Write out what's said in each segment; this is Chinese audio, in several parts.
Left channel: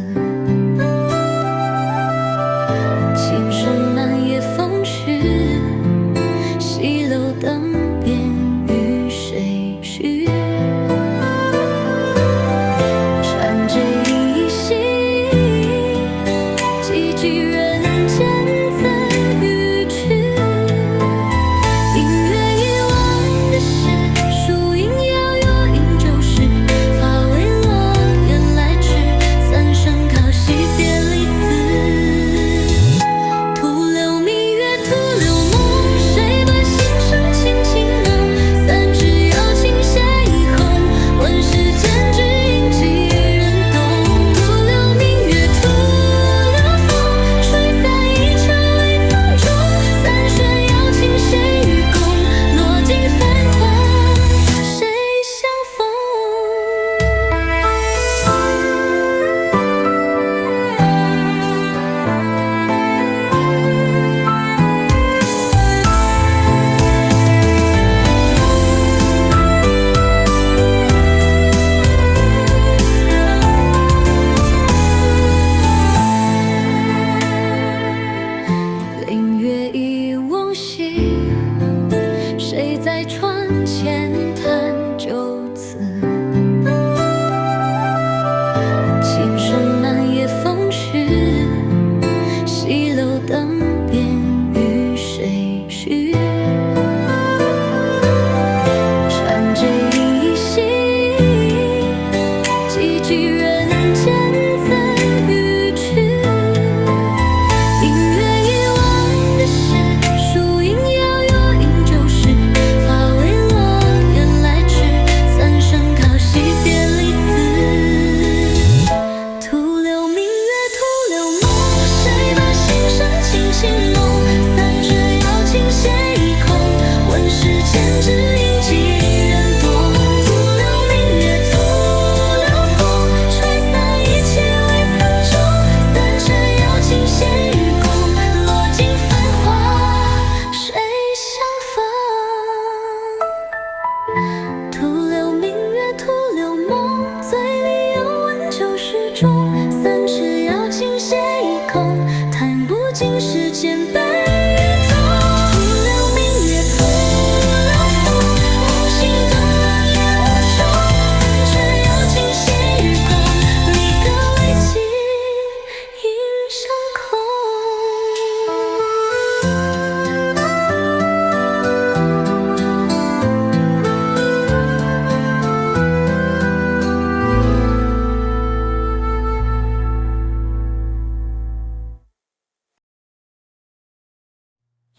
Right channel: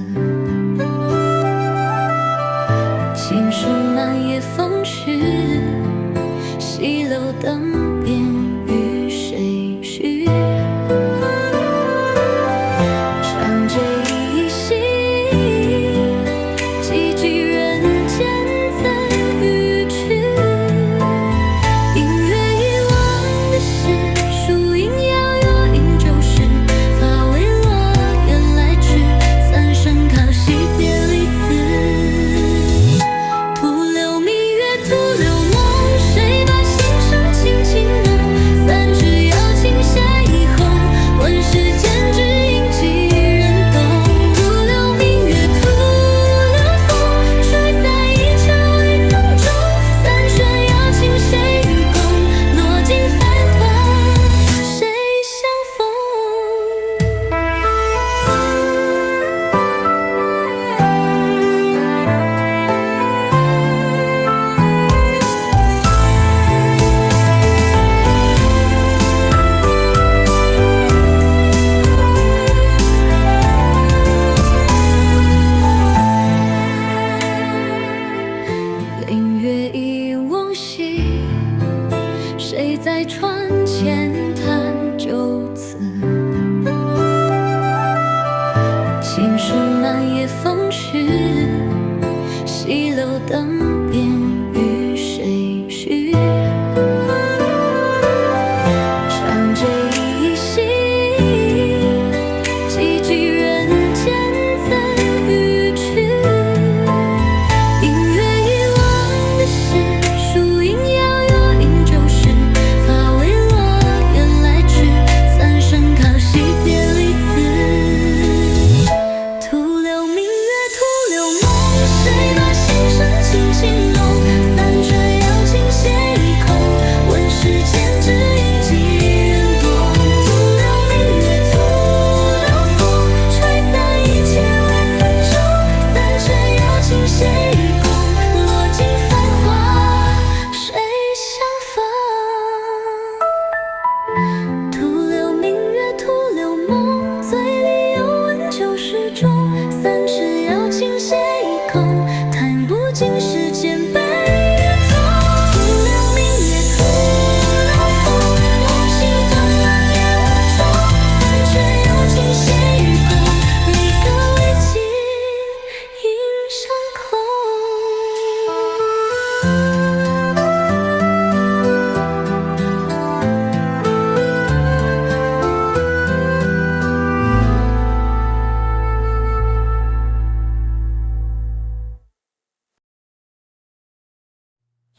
琴声满夜风絮，西楼灯边与谁续？长这一夕，几句人间怎语去？隐约遗忘的事，树影摇有饮酒时，发未落，雁来迟，三声靠惜别离词。徒留明月，徒留梦，谁把心声轻轻弄？三尺瑶琴斜一红，问世间只应几人懂？徒留明月，徒留风，吹散一切未曾终。三弦瑶琴谁与共？落尽繁华，谁相逢？凌月忆往昔，谁在船前弹旧词？琴声满夜风絮，西楼灯边与谁续？长这一夕，几句人间怎语去？隐约遗忘的事，树影摇有饮酒时，发未落，雁来迟，三声靠惜别离词。徒留明月，徒留梦，谁把心声轻轻弄？三折瑶琴斜一空，问世间只应几人懂？徒留明月，徒留风，吹散一切未曾终。三折瑶琴斜与共，落尽繁华，谁相逢？徒留明月，徒留梦，嘴里有温酒始终。三尺瑶琴斜一空，弹不尽世间悲与痛。徒留明月，徒留风，梦醒灯亮也无踪。三尺瑶琴斜与共，离歌未尽，影上空。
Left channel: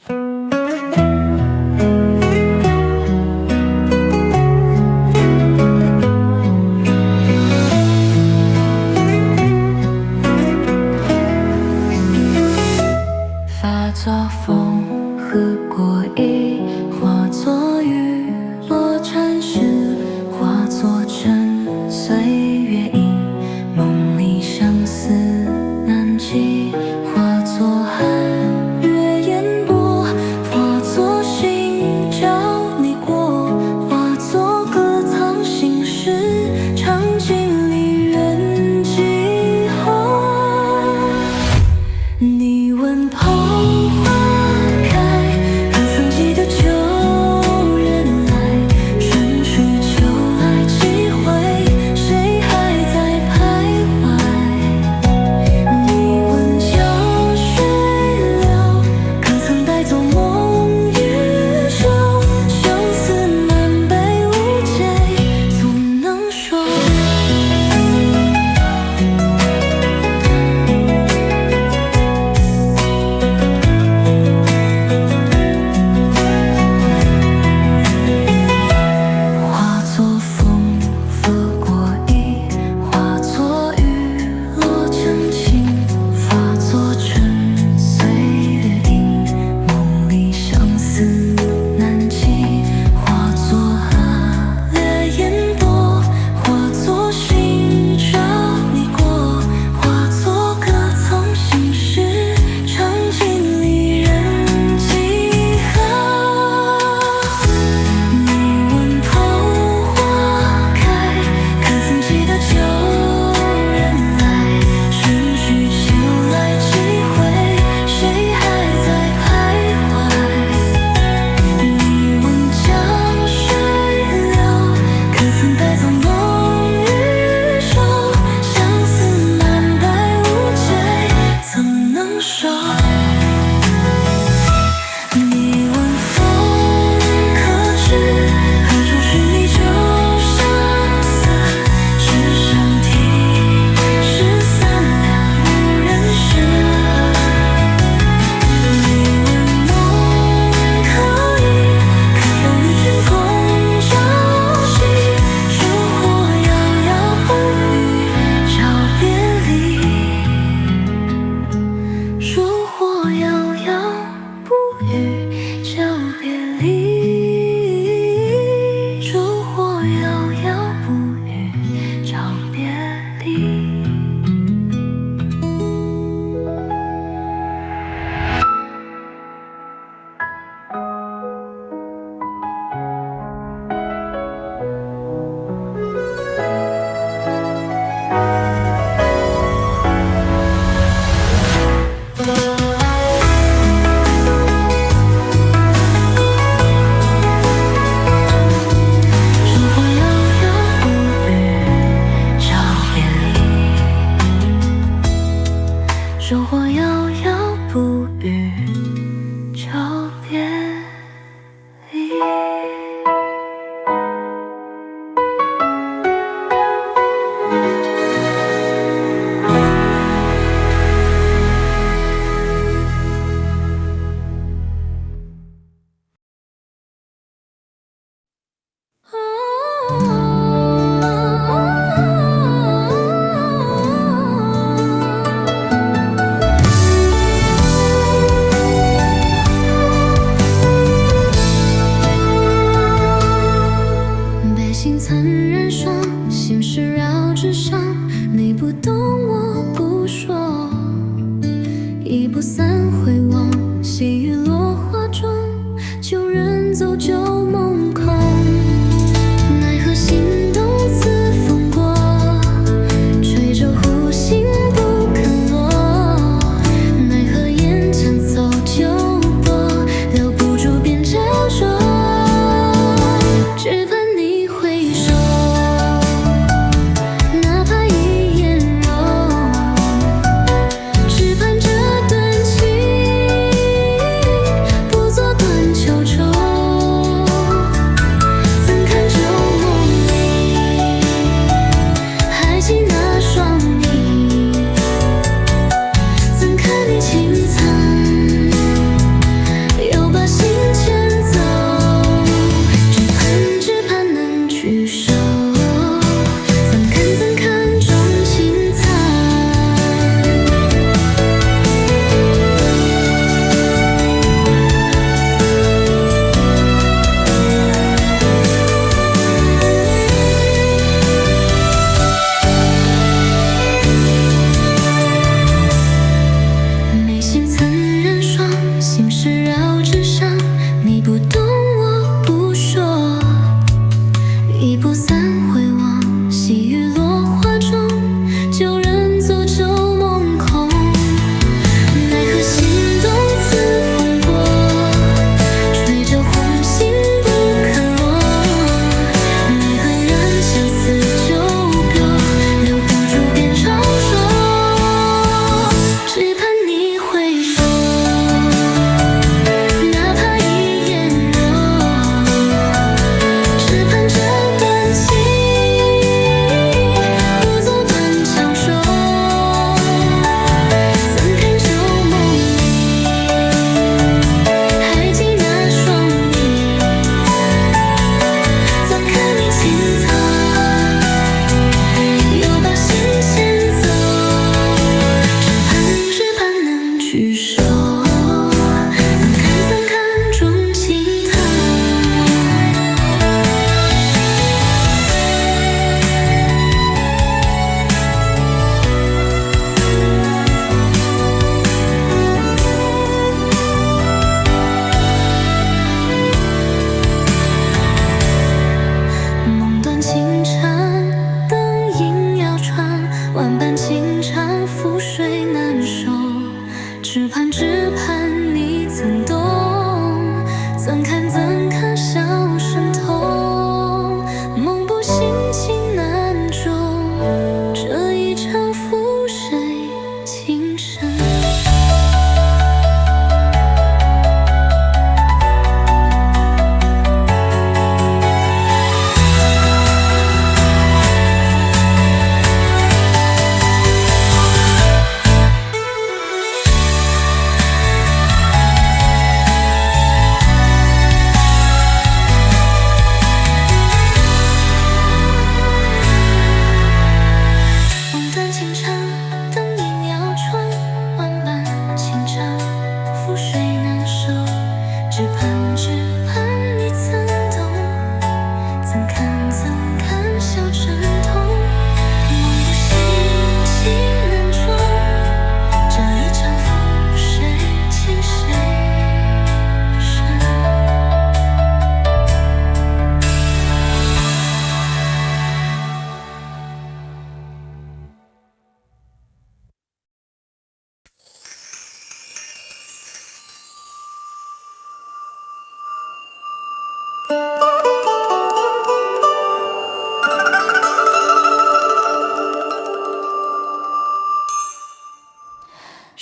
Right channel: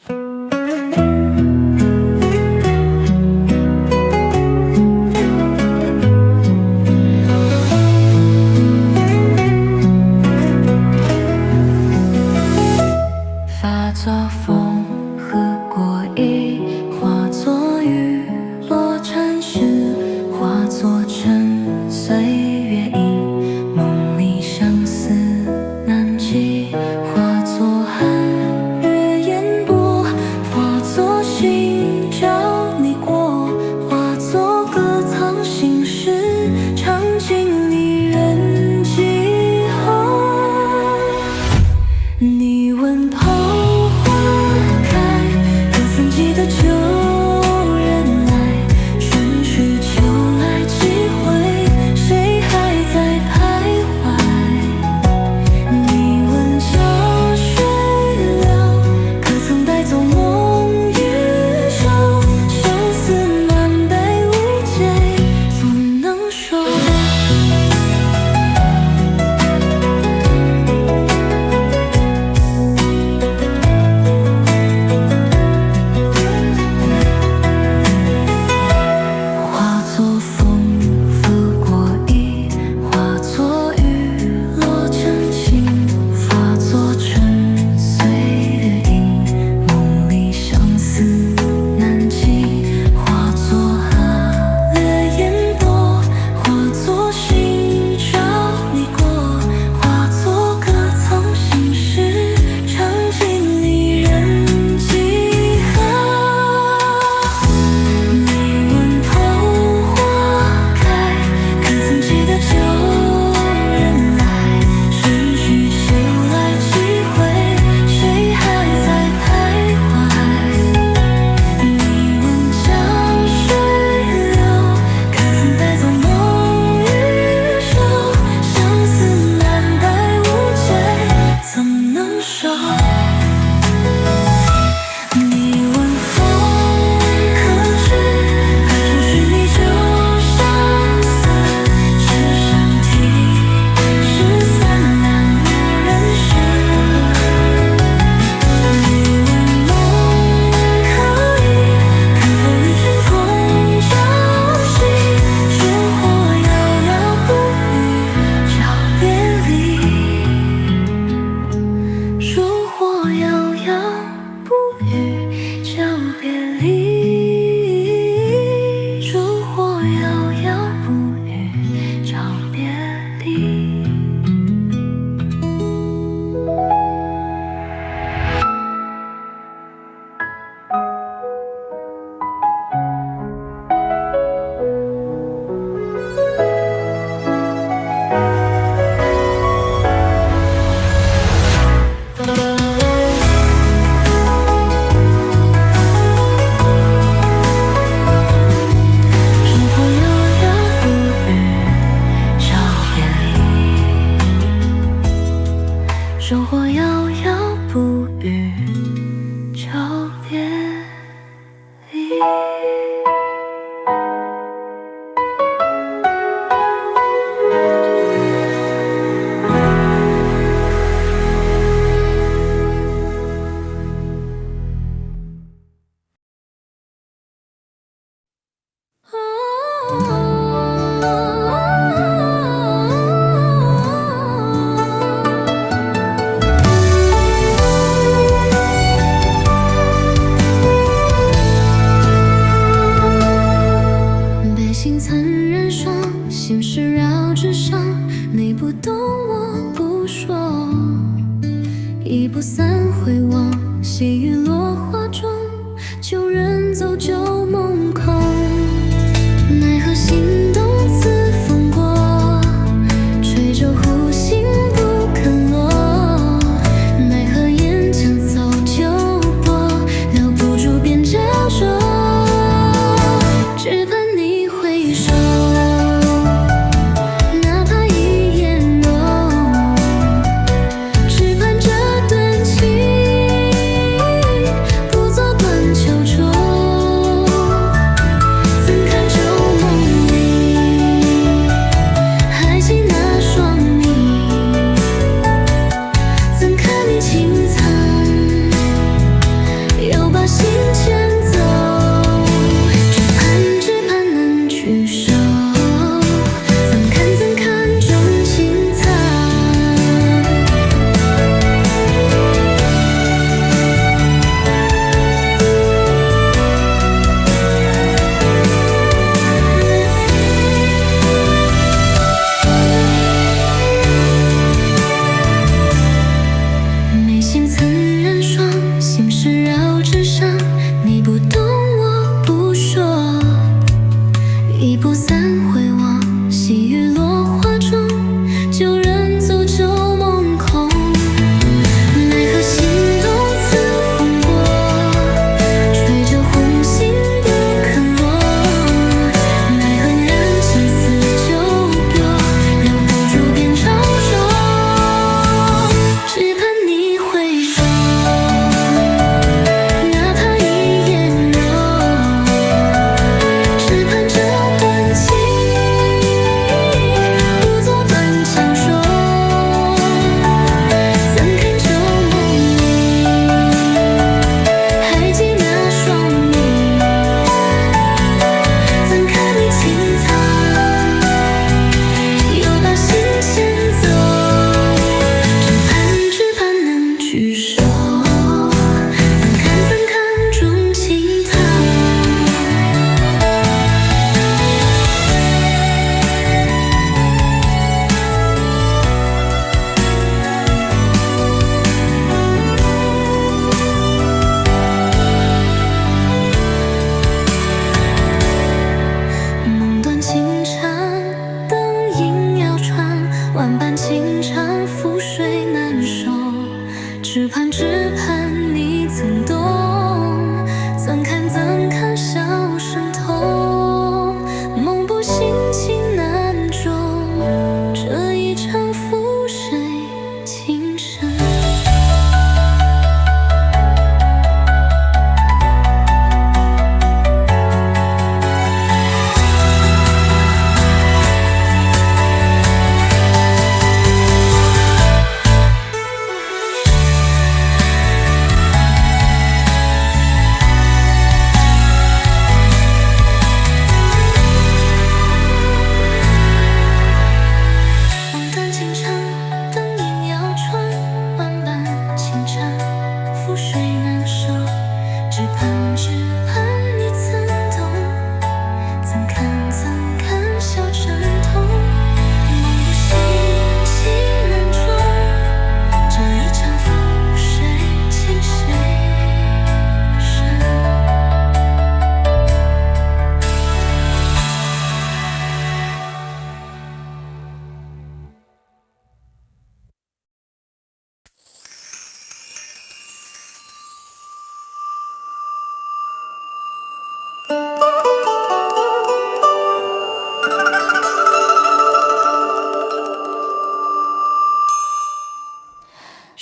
收获遥遥不语，就别离。背心曾染霜，心事绕纸上，你不懂我不说，一步三回望，细雨落花中，旧人走旧梦空，奈何心动刺风过，吹着湖心不肯落，奈何眼前走旧波，留不住便焦灼，只盼你回首，哪怕一眼柔，只盼这段情不做断秋愁。怎看旧梦里，还记那双你，怎看你轻惨，又把心牵走。聚首，怎看钟情残，眉心曾染霜，心事绕纸上，你不懂我不说，一步三回望，细雨落花中，旧人走旧梦空，奈何心动刺风过，吹着红心不肯落，奈何染前似旧别，留不住便招灼，只盼你回首，哪怕一眼柔，只盼这段情不做断肠手。怎看旧梦里，还记那双你，怎看你轻惨，又把心牵走，只盼能聚首，怎看钟情叹。梦断情缠，灯影摇船，万般情长，覆水难收。只盼你曾懂，怎看笑声痛，梦不醒情难终，这一场覆水情深。只盼你曾懂，怎看笑成痛，梦不醒情难终，这一场覆水情谁深？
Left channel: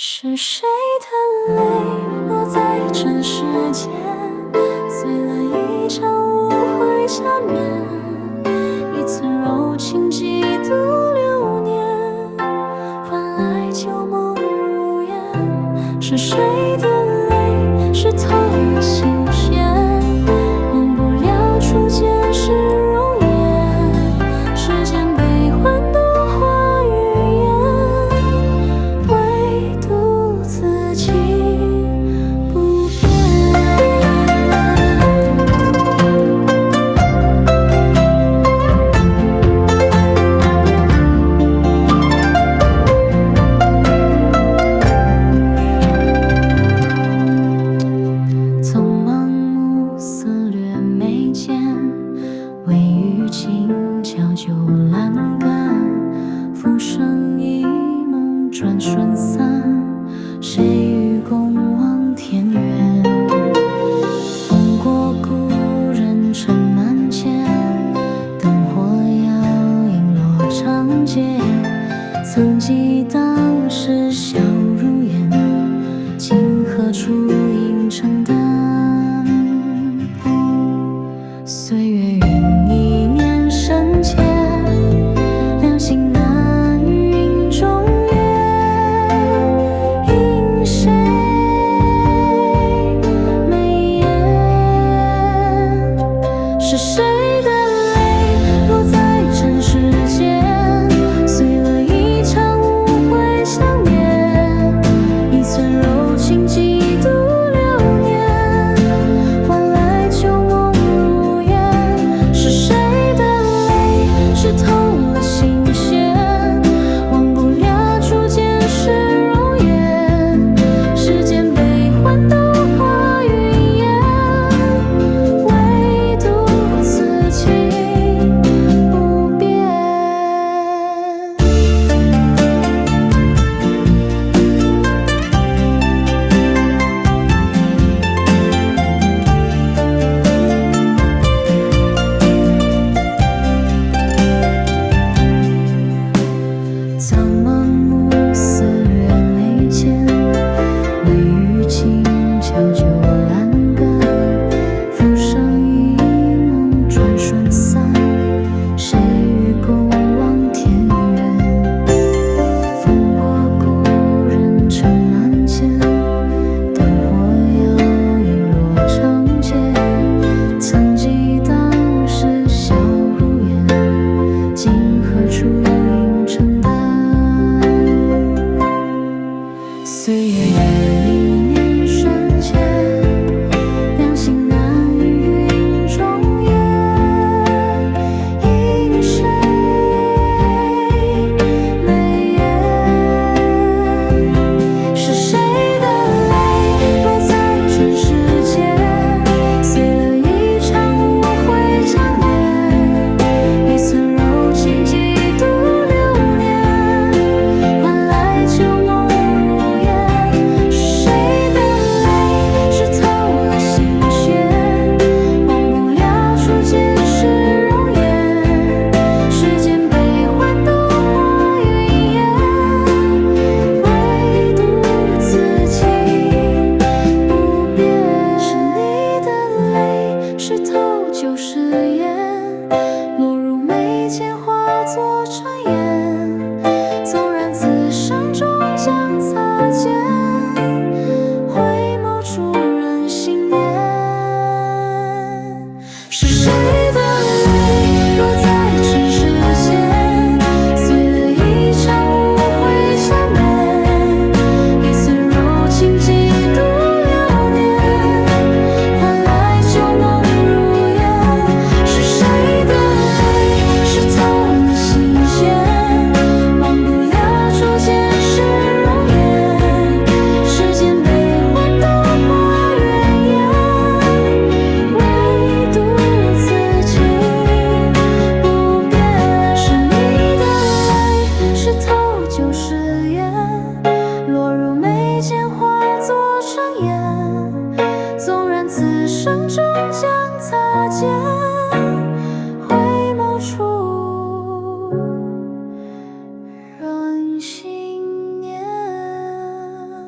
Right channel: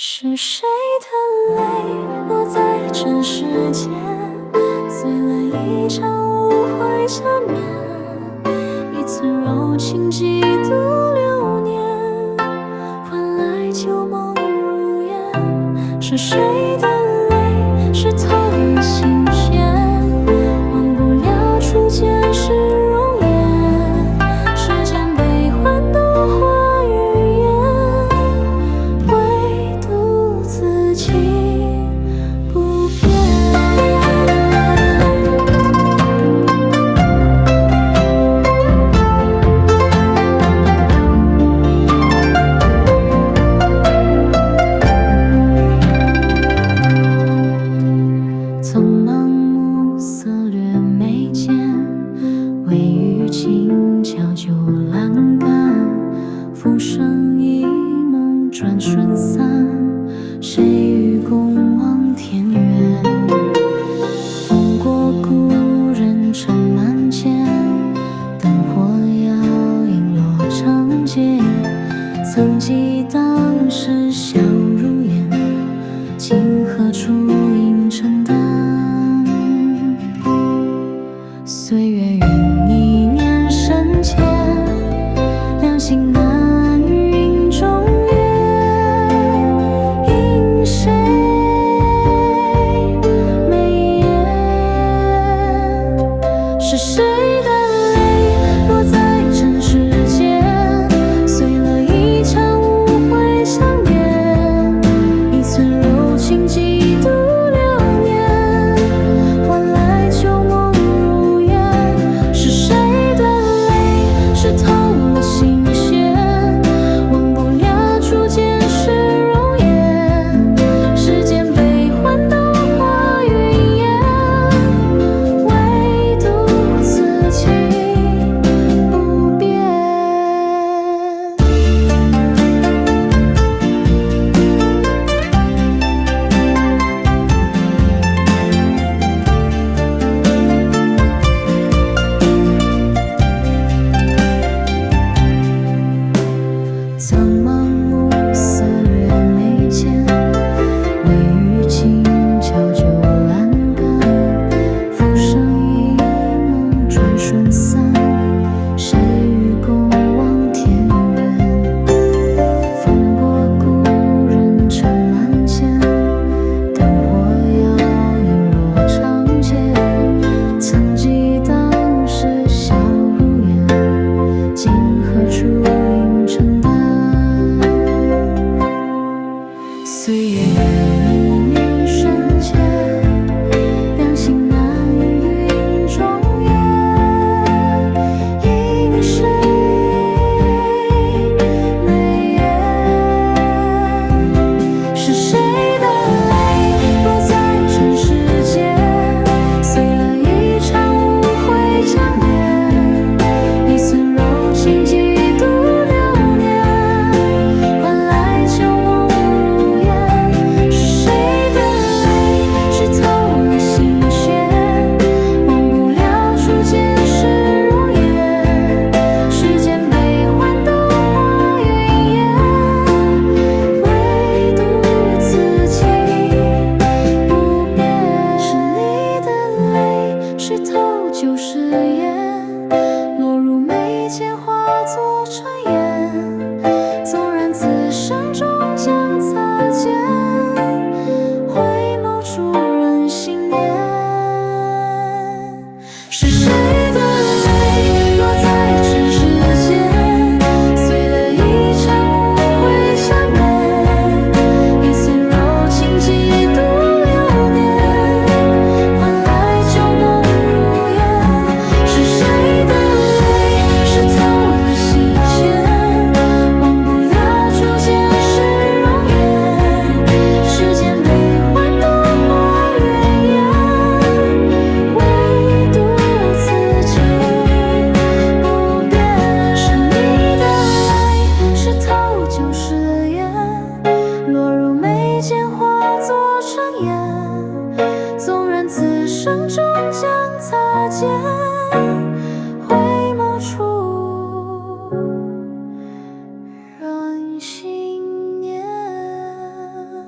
是谁的泪落在尘世间，碎了一场无悔缠绵，一寸柔情几度流年，换来旧梦如烟。是谁的泪湿透了心弦，忘不了初见时容颜，世间悲欢都化于烟，唯独此情不变。匆忙暮色掠眉间，微雨轻敲旧栏杆，浮生一梦转瞬散，谁与共望天远？风过故人尘满间，灯火摇影落长街，曾记当时笑如烟，今何处应承担？岁月愿一念深切，两心难云中月，因谁眉眼？是谁的泪落在尘世间，碎了一场无悔相恋，一寸柔情几度流年，换来旧梦如烟。是谁的泪湿透了心弦，忘不了初见时容颜，世间悲欢都化云烟，唯独此情不变。苍茫暮色掠眉间，微雨轻敲旧栏杆，浮生一梦转瞬散，谁与共望天远？风过故人尘满间，灯火摇影落长街，曾记当时笑如烟，今何处应承担？岁月约一念深切，两心难云中月，因谁眉眼？是谁的泪落在尘世间，碎了一场无悔缠绵，一寸柔情几度流年，换来旧梦如烟。是谁的泪湿透了心弦，忘不了初见时容颜，世间悲欢都化云烟，唯独此情不变。是你的泪湿透旧誓言，落入眉间化作尘烟，纵然此生终将擦肩，回眸处人心念。是谁的泪落在尘世间，碎了一场无悔缠绵，一寸柔情几度流年，换来旧梦如烟。是谁的泪湿透了心弦，忘不了初见时容颜，世间悲欢都化云烟，唯独此情不变。是你的泪湿透旧誓言，落入眉间化作尘烟，纵然此生终将擦肩，回眸处人心念。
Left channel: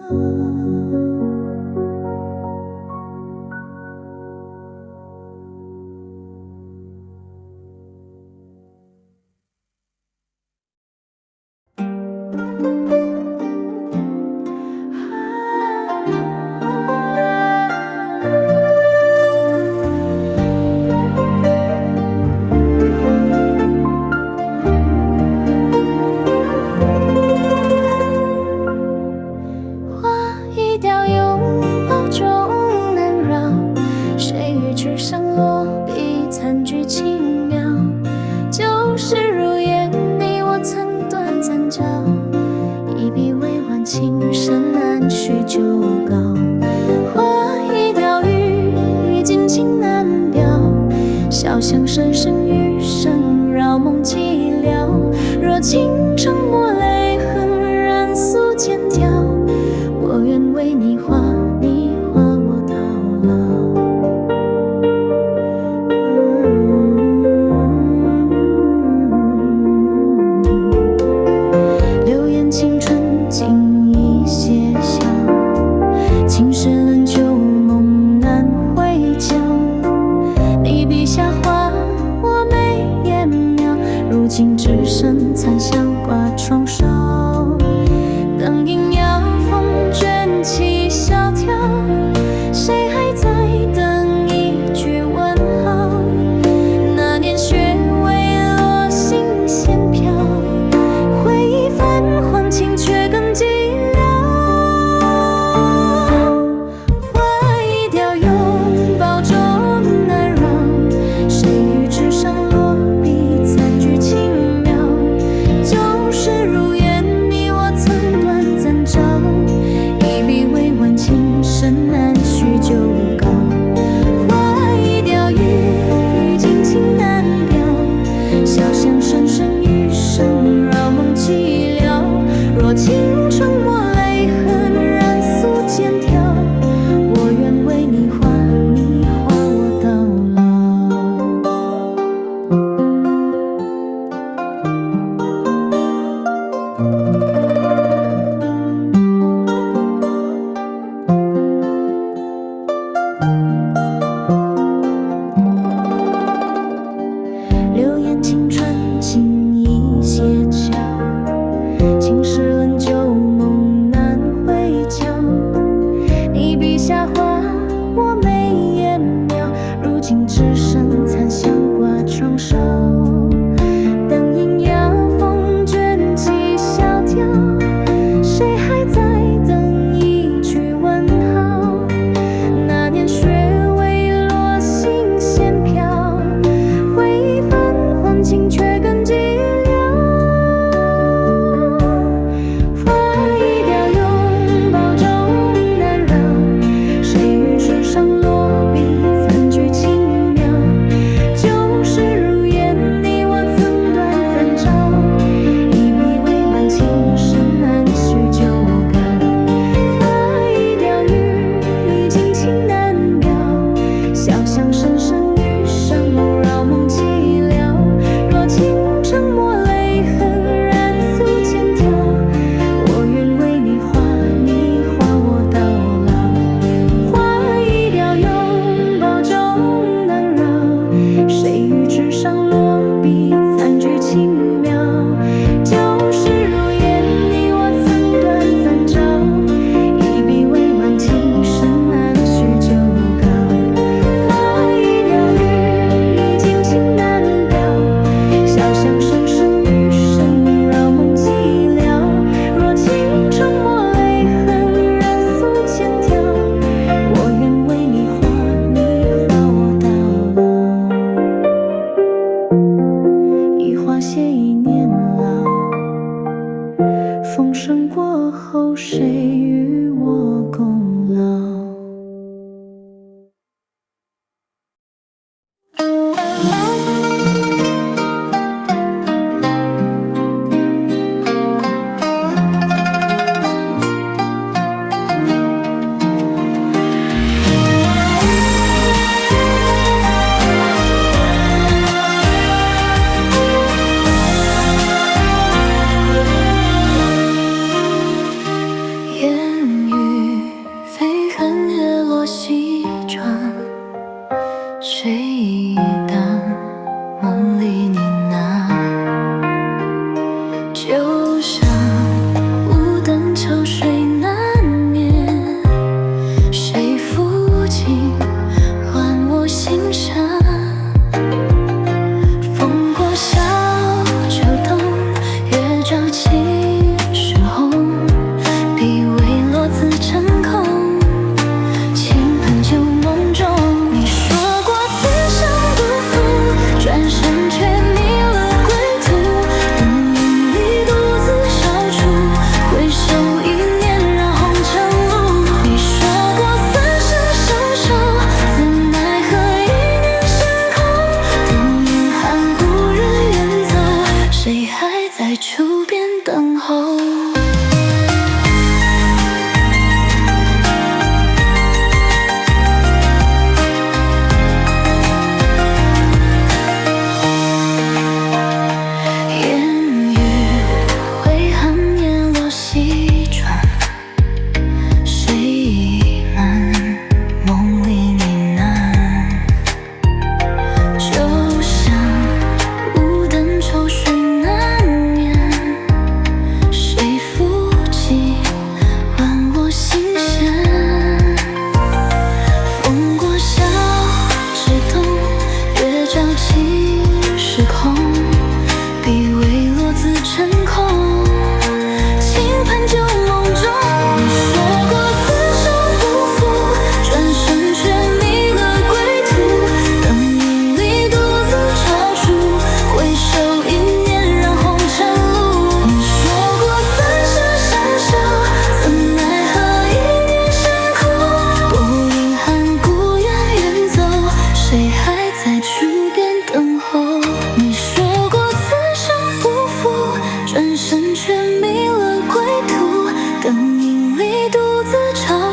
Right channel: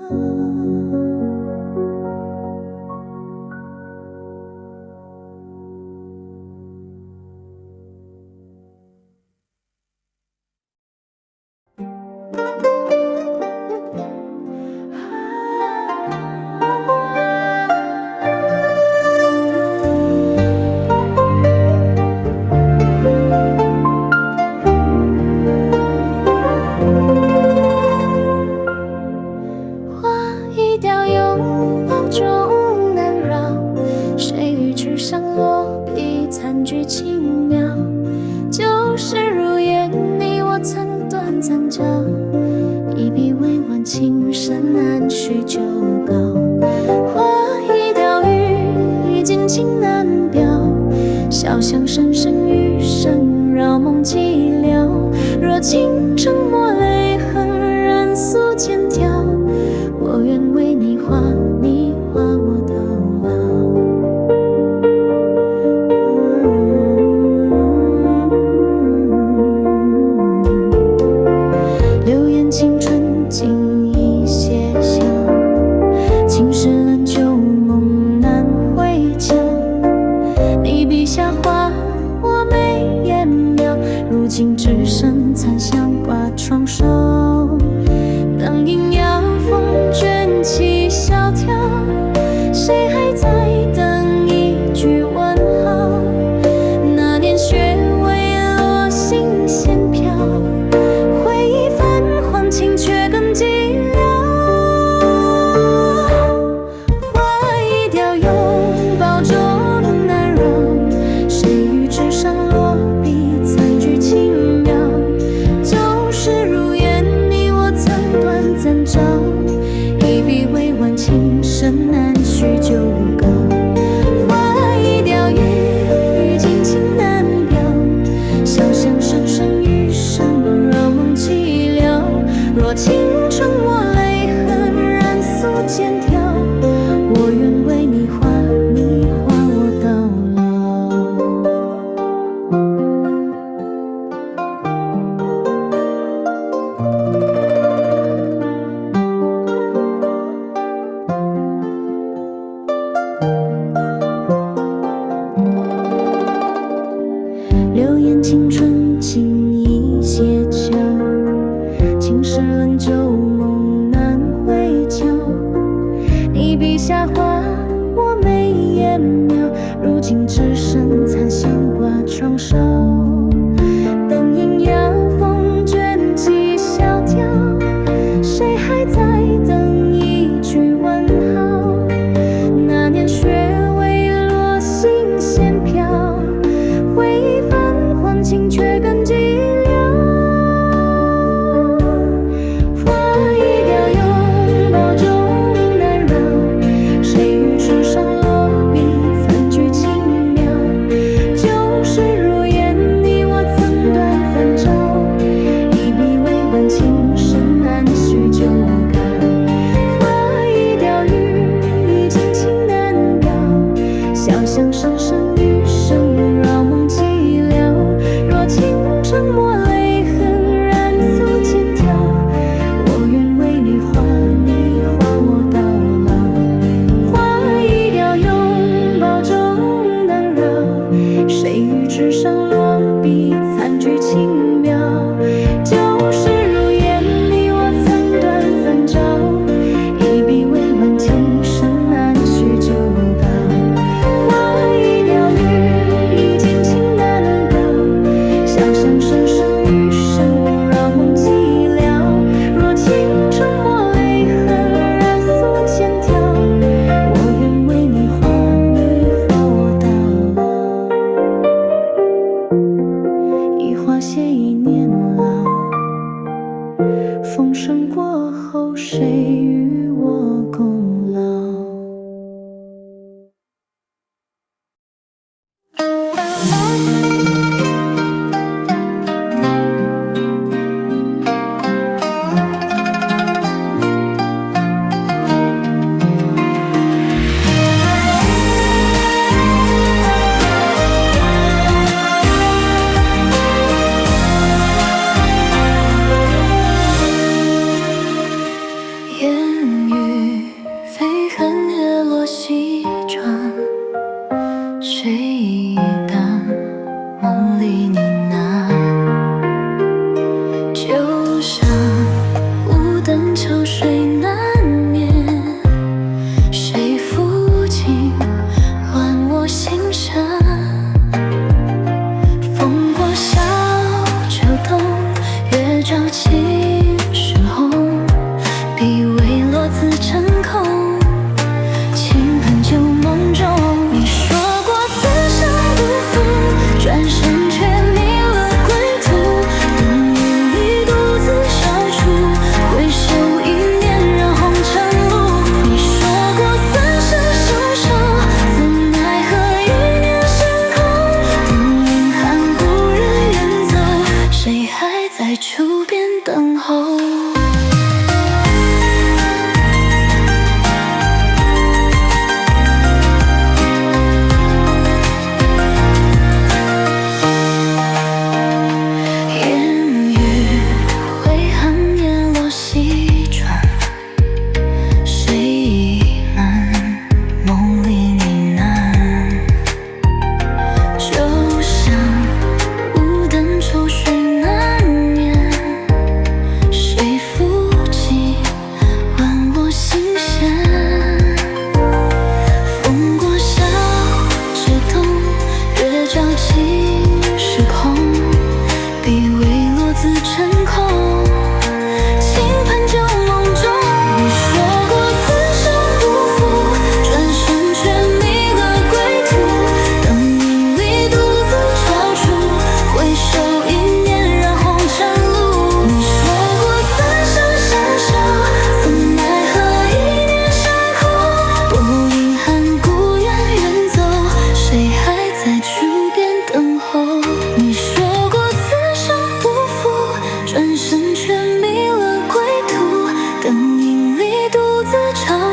残句轻描，旧时如烟，你我曾短暂交，一笔未完，情深难续旧稿。花已凋雨，已尽情难表，小巷声声余声扰梦寂寥。若倾城抹泪痕，染素笺条，我愿为你画，你画我到老。流言青春尽已歇晓，青石冷旧梦难回瞧。你笔下画我眉眼描，如今只剩残香挂窗梢。灯影摇，风卷起萧条，谁还在等一句问号？那年雪未落，星线飘，回忆泛黄，情却更寂寥。花已凋，拥抱中难扰，谁于纸上落笔，残句轻描。旧时如烟，你我曾短暂照，一笔未完，情深难续旧稿。花已凋，雨尽情难表，小巷声声余声扰梦寂寥。若倾城抹泪痕，染素笺条，我愿为你画，你画我到老。流言青春尽已歇脚，青石冷旧梦难回瞧。你笔下画我眉眼描，如今只剩残香挂窗梢。灯影摇，风卷起萧条，谁还在等一句问号？那年雪未落，星线飘，回忆泛黄，情却更寂寥。花已凋，拥抱中难扰，谁于纸上落笔，残句轻描。旧时如烟，你我曾短暂照，一笔未完，情深难续旧稿。花已凋，已尽情难表，小巷声声余声扰梦寂寥。若倾城抹泪痕，染素笺条，我愿为你画，你画我到老。花已凋，拥抱中难扰，谁于纸上落笔，残句轻描。旧时如烟，你我曾短暂照，一笔未完，情深难续旧稿。小巷声声余声扰梦寂寥。若倾城抹泪痕，染素笺条，我愿为你画，你画我到老。一花谢一年老，风声过后，谁与我共老？烟雨飞痕，日落西转，睡意淡，梦里呢喃。旧山无灯，秋水难眠，谁抚琴唤我心山？风过小秋冬，月照青石红。笔未落，字成空，倾盆旧梦中。你说过此生不负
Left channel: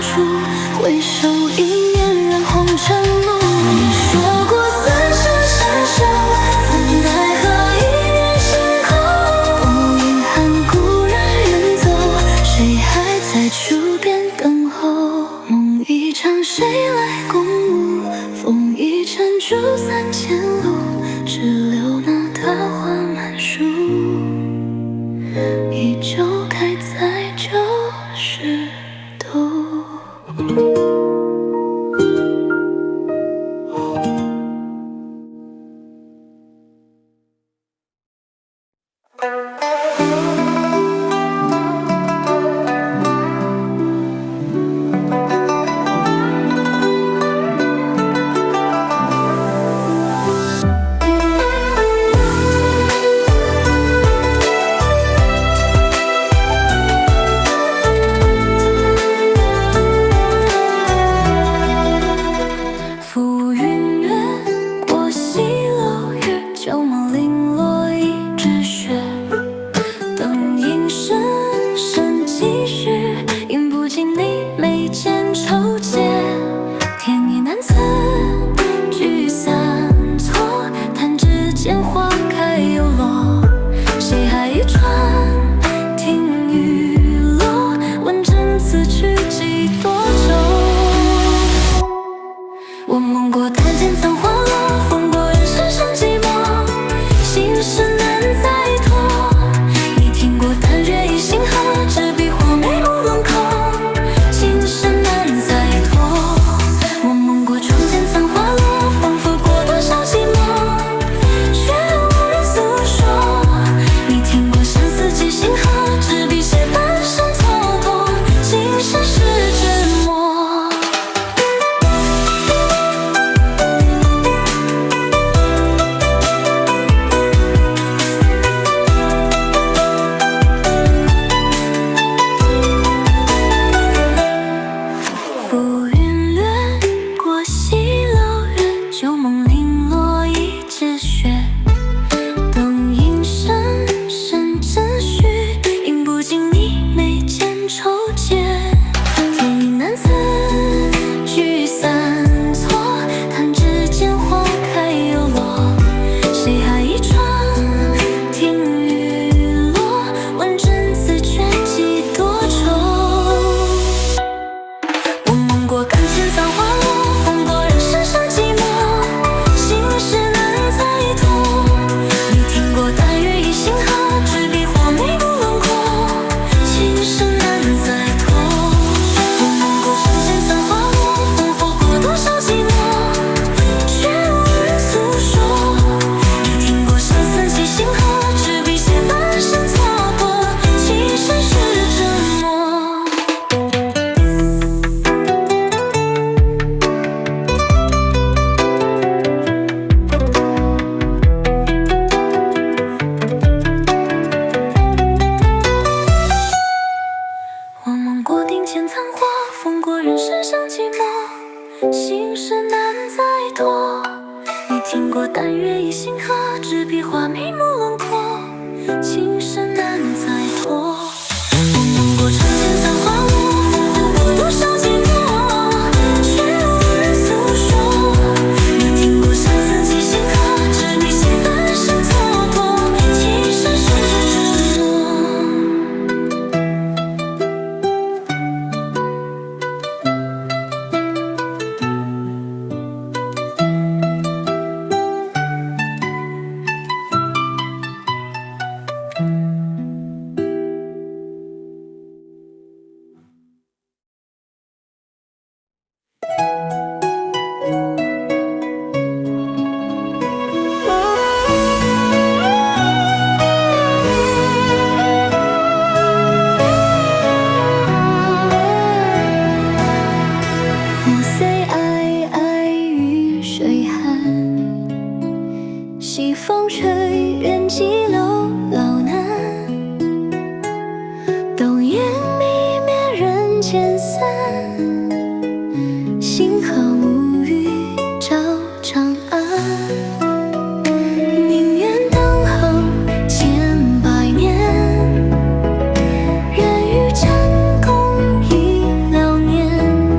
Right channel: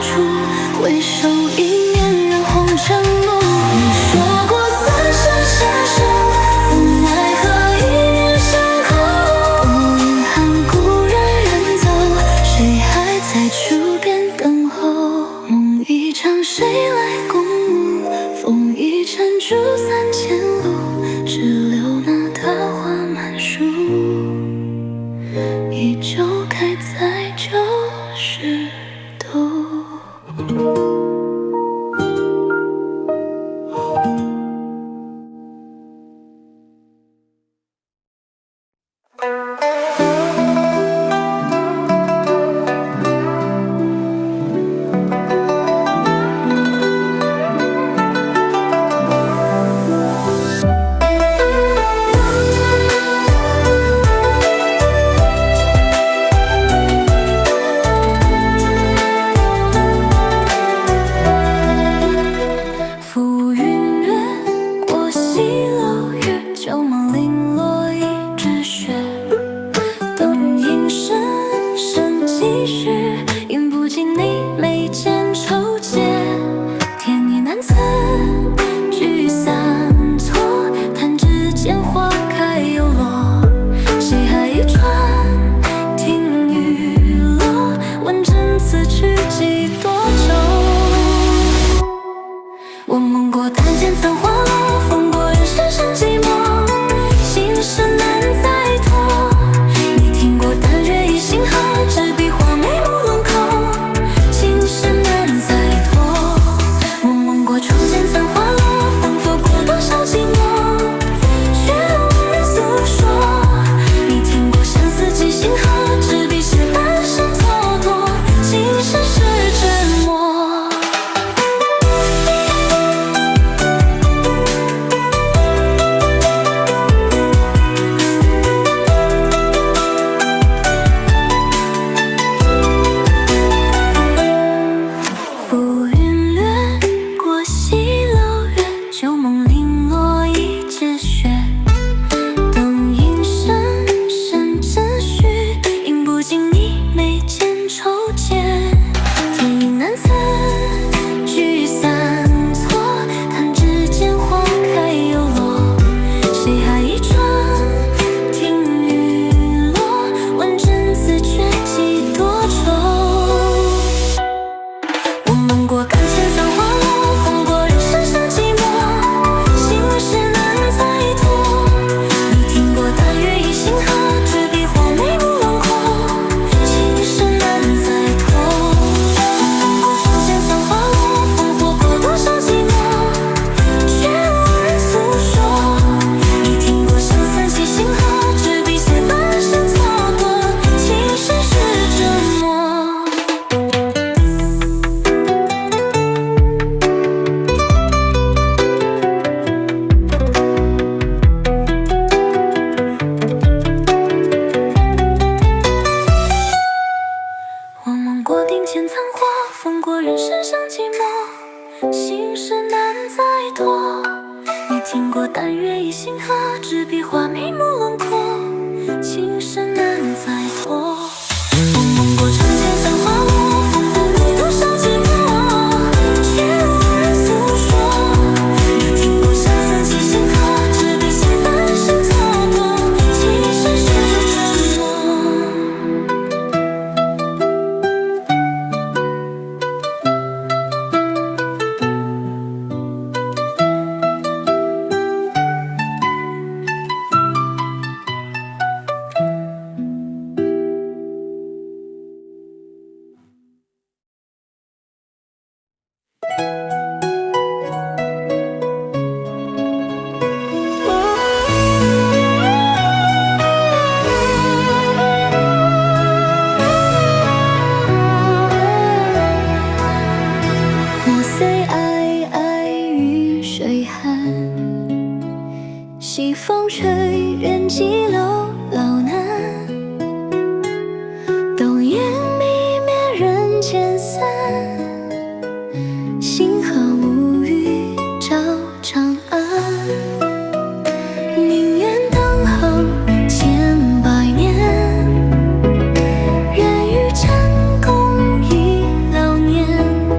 处，回首一念染红尘路。你说过三生相守，怎奈何一念相扣。不遗憾故人远走，谁还在处边等候？梦一场谁来共舞？风一程竹3000路，只留那桃花满树，依旧开在90度。浮云掠过西楼月，旧梦零落一纸雪。灯影深深几许，饮不尽你眉间愁结。天意难测，聚散错，弹指间花开又落。谁还一船听雨落？问真此去几多愁？我梦过檀间残花落，风过人世上寂寞，心事难再托。你听过淡月一星河，执笔画眉目轮廓，情深难再托。我梦过窗前残花落，风拂过多少寂寞，却无人诉说。你听过相思几星河，执笔写半生蹉跎，情深是折磨。浮云掠过西楼月，旧梦零落一纸雪。灯影深深只许，饮不尽你眉间愁结。天意难测，聚散错，弹指间花开又落。谁还一船听雨落？问真此却几多愁？我梦过竿前残花落，风过人世上寂寞，心事难再托。你听过淡月一星河，执笔画眉目轮廓，情深难再托。我梦过窗前残花落，风拂过多少寂寞，却无人诉说。你听过相思几星河，执笔写半生蹉跎，情深是折磨。我梦过庭前残花，风过人世上寂寞，心事难再托。你听过淡月一星河，执笔画眉目轮廓，情深难再托。我梦过窗前残花落，风拂过多少寂寞，却无人诉说。你听过相思几星河，执笔写半生蹉跎，情深是折磨。莫虽皑皑雨水寒，西风吹，远几楼老南。灯焰迷灭人间散，星河无语照长安。宁愿等候千百年，愿与战共一老年。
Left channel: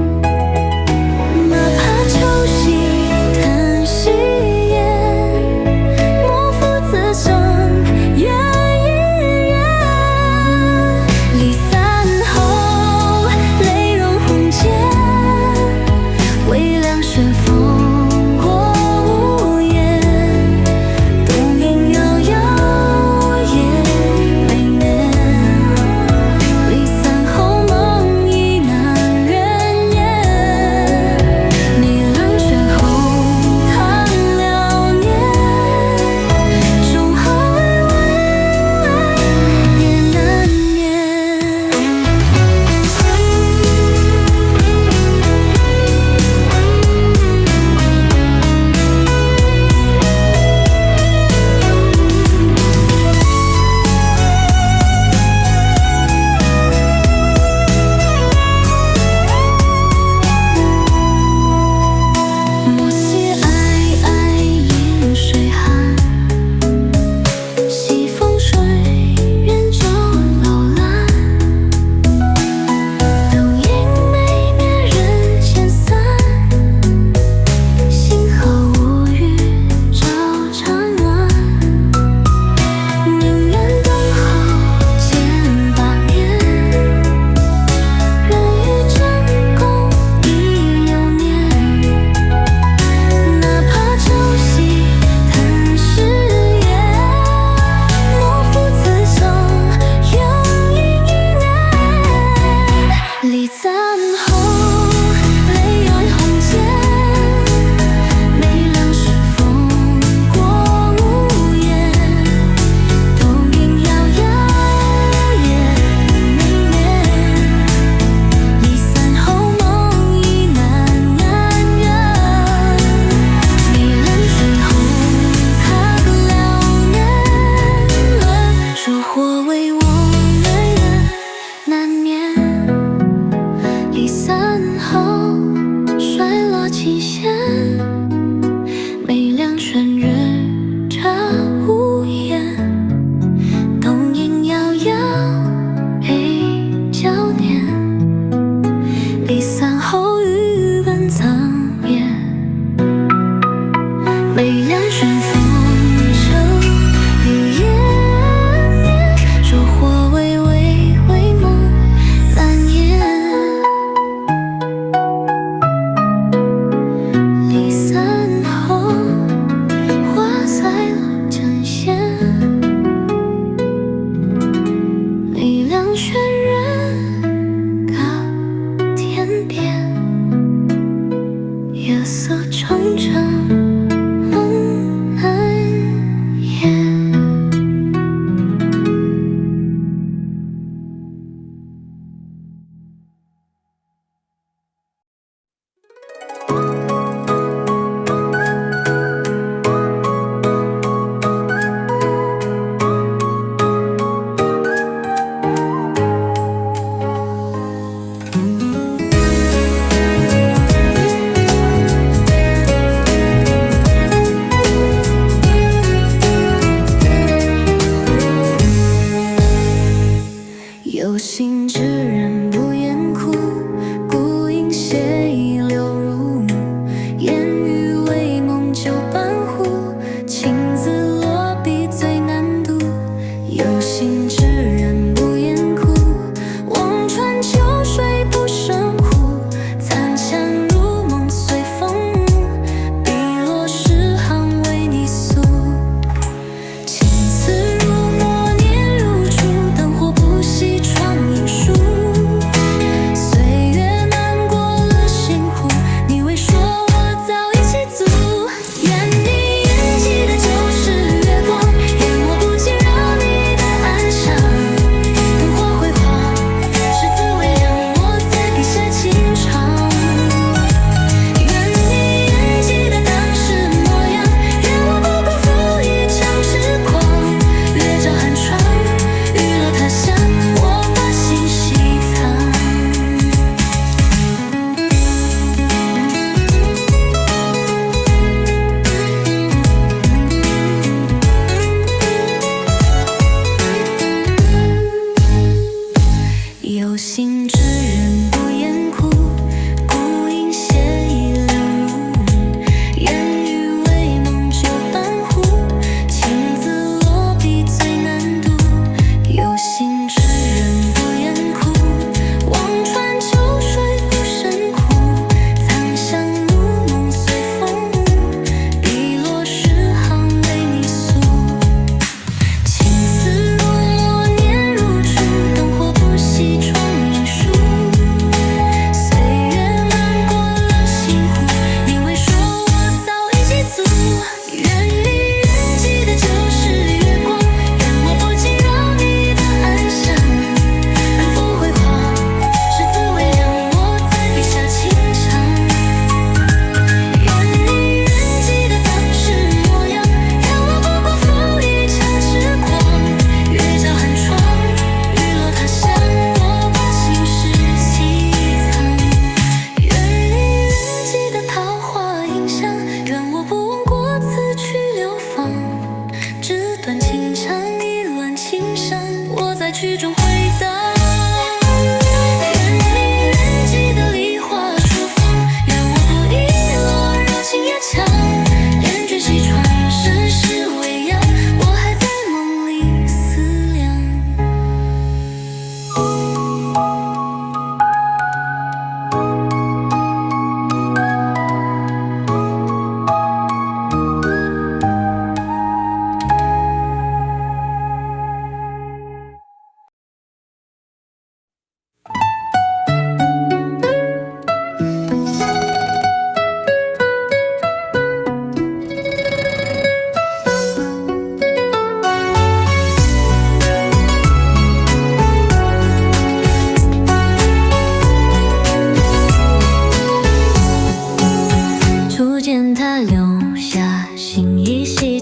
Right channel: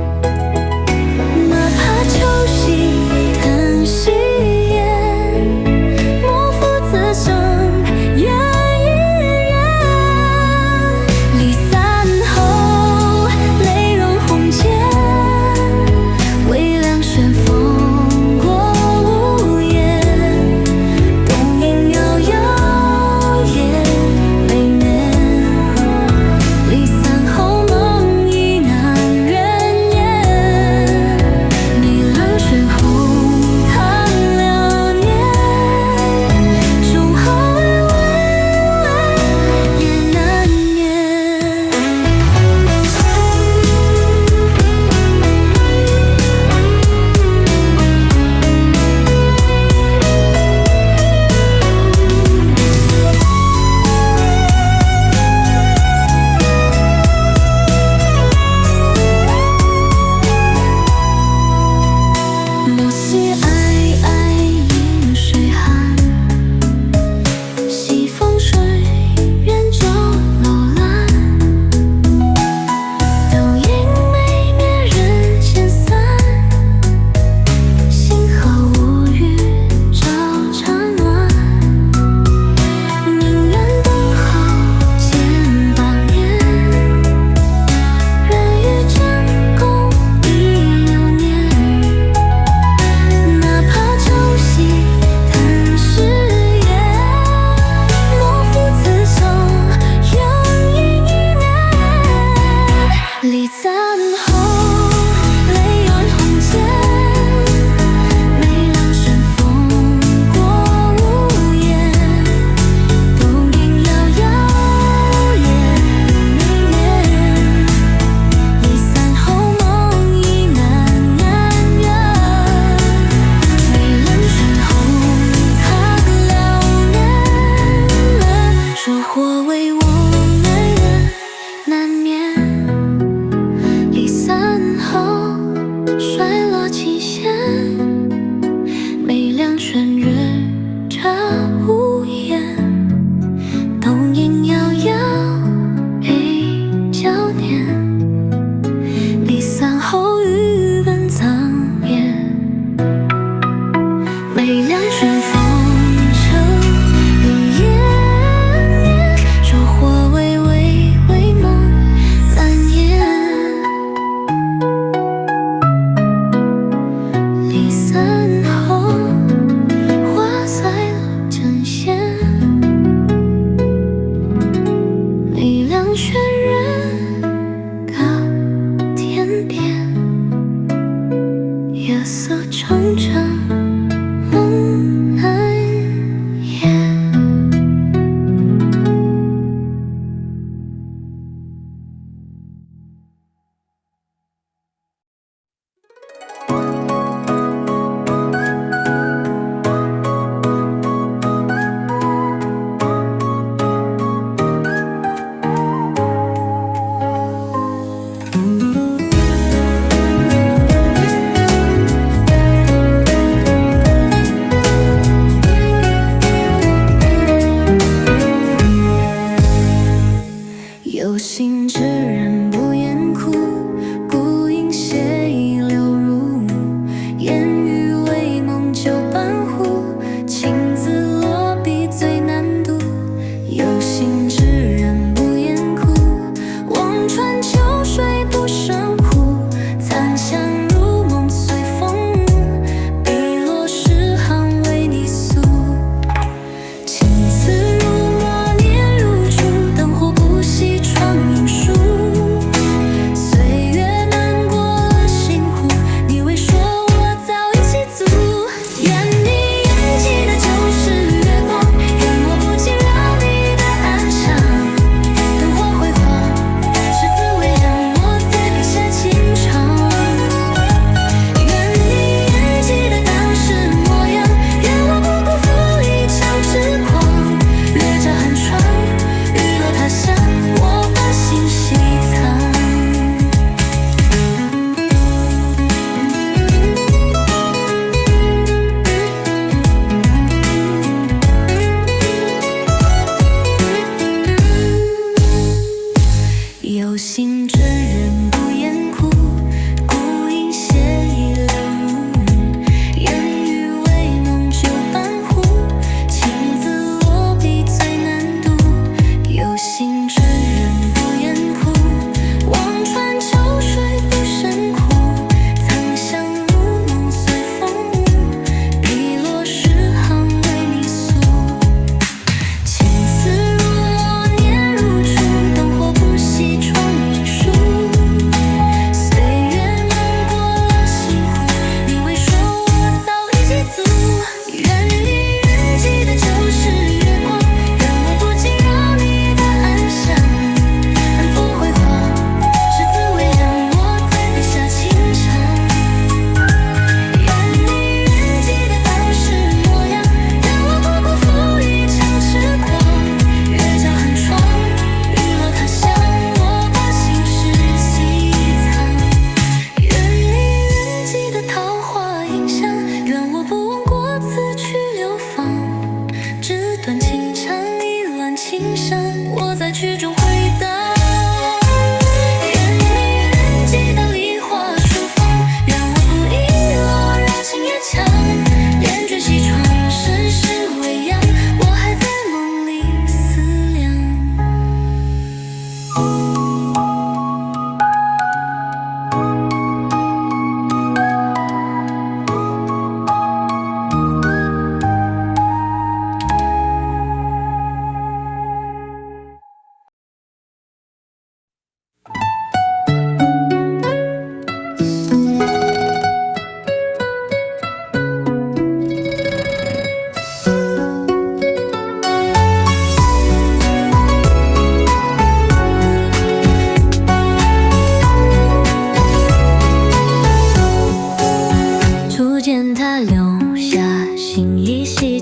离散后，泪染红笺，梅凉顺风过屋檐，冬影摇摇夜绵绵，离散后梦已难圆，梅冷轩红擦了年，说或为我难眠。离散后，衰落琴弦，梅凉轩日照屋檐，冬影摇摇泪交念，离散后雨本苍烟，梅凉轩风声离烟念，说或为梦难言。离散后，花在落成线，梅凉轩人告天边，夜色沉沉梦难言。有心之人不言苦，孤影斜倚流入，烟雨为梦酒半壶，情字落笔最难读。有心之人不言苦，望穿秋水不胜壶，残香如梦随风舞，笔落诗行为你诉。情字如墨念如初，灯火不熄窗影疏。岁月漫过了心湖，你未说我早已记足。愿你眼记的就是月光，愿我不惊扰你的安详。灯火辉煌，是字微凉，我在笔下轻唱。愿你眼记的当时模样，愿我不辜负一场痴狂。月照寒窗，雨落他乡，我把心细藏。有心之人不言苦，孤影斜倚流入，烟雨为梦酒半壶，情字落笔最难读。有心之人不言苦，望穿秋水不胜壶，残香如梦随风舞，笔落诗行为你诉。情字如墨念如初，灯火不熄窗影疏。岁月漫过了心湖，你未说我早已记足。愿你远记的就是月光，愿我不惊扰你的安详。奔赴辉煌，是字微凉，我在笔下轻唱。愿你远记的当时模样，愿我不辜负一场痴狂。月照寒窗，雨落他乡，我把心事细藏。愿你远记的桃花映香，愿我不忘过此去流芳。纸短情长，一乱情伤，我在曲中回荡。愿你远记的梨花初放，愿我不遗落绕情也强。帘卷西窗，世事微扬，我还在梦里思量。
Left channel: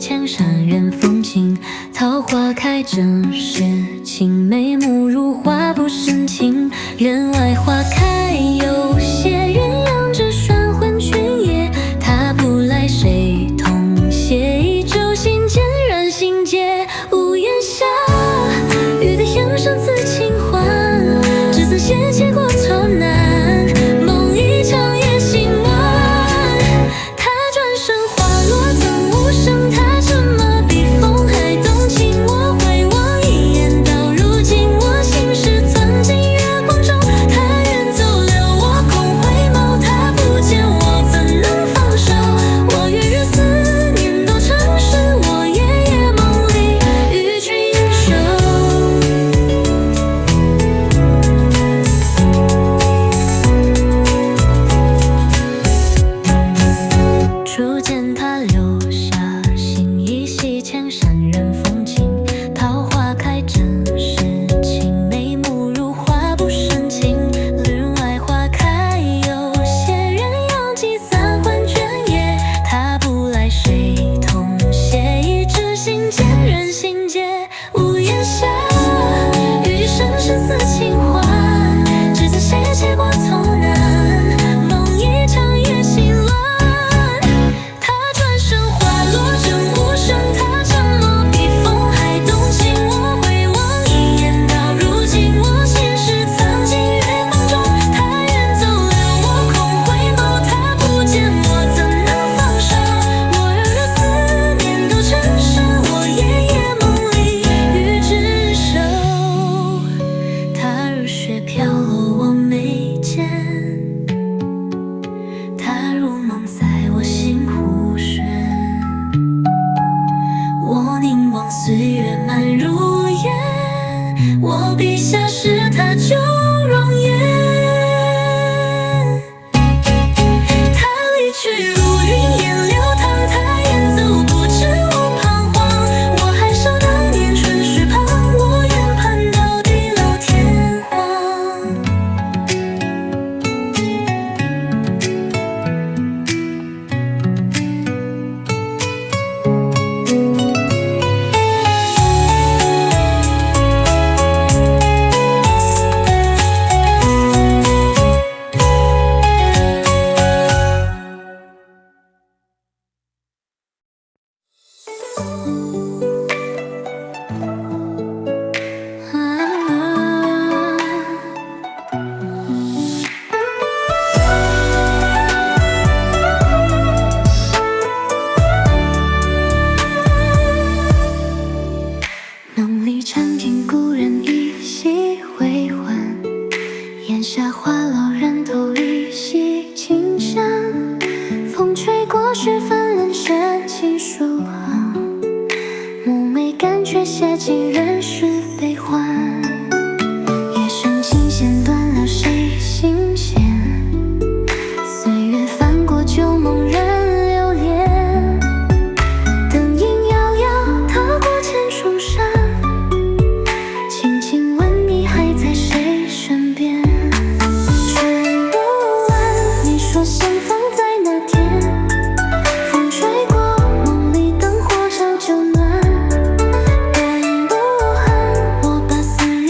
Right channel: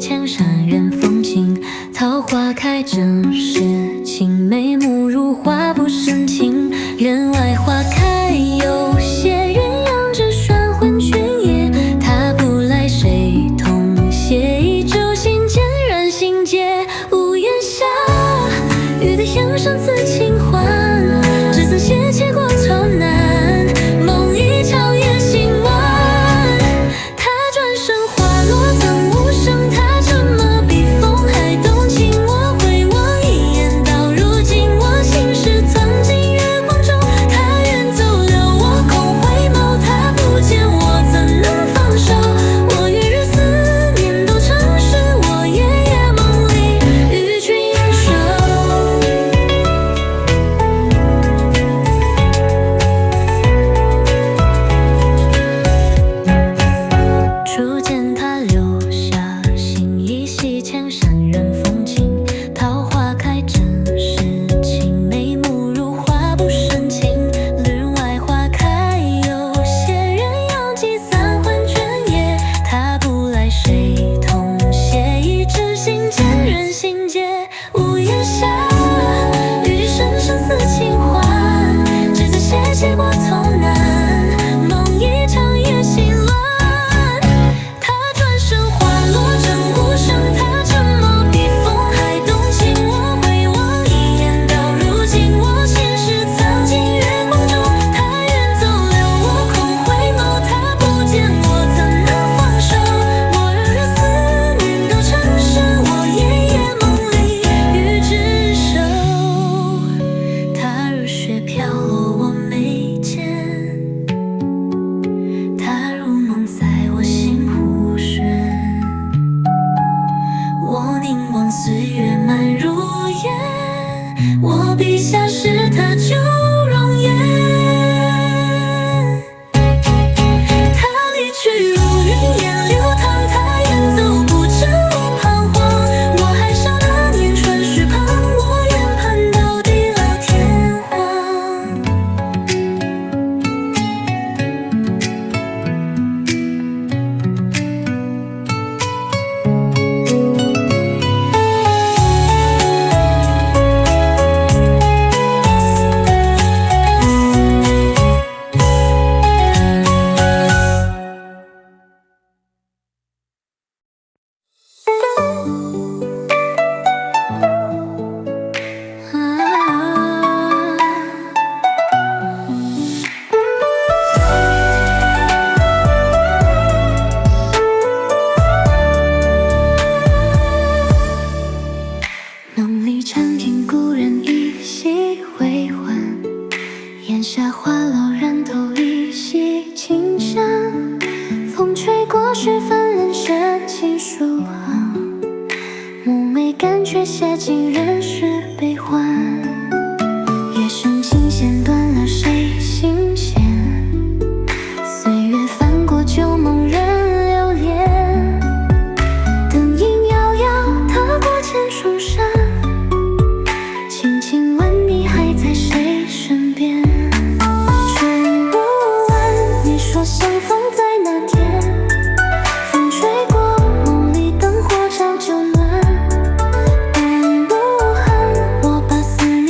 前山人风景，桃花开正是青梅慕如花不生情。人外花开有些鸳鸯只拴魂君夜，他不来谁同携？一舟心间染心结。屋檐下，雨的향上刺轻缓，只曾斜切过头难，梦一场也醒晚。他转身花落曾无声，他沉默比风还动情。我回望一眼，到如今我心事藏进月光中。他远走了，我空回眸，他不见我怎能放手？我月日思念都成诗，我夜夜梦里与君守。初见他留下心依稀，千山人风景，桃花开正是青梅慕如花不生情。帘外花开有些鸳鸯寄三还卷叶，他不来谁同携？一纸心间人心结。屋檐下，雨滴声声似轻缓，只曾斜切过头难，梦一场也醒乱。他转身花落正无声，他沉默比风还动情。我回望一眼，到如今我心事藏进月光中。他远走了，我空回眸，他不见我怎能放手？我热热思念都成诗，我夜夜梦里与之守。他如雪飘落我眉间，他如梦在我心湖轩。我凝望岁月漫如烟，我笔下是他旧容颜。他离去如云烟流淌，他远走不知我彷徨。我还少那年春水旁，我愿盼到地老天荒。梦里常听故人依稀回还，檐下花老人头依稀清香。风吹过时分冷深情书行，妩媚感却写尽人世悲欢。夜深琴弦断了谁心弦？岁月翻过旧梦人留恋。灯影摇摇，踏过千重山，轻轻问你还在谁身边？春不晚，你说相逢在那天。风吹过梦里灯火照旧暖。冬不寒，我把思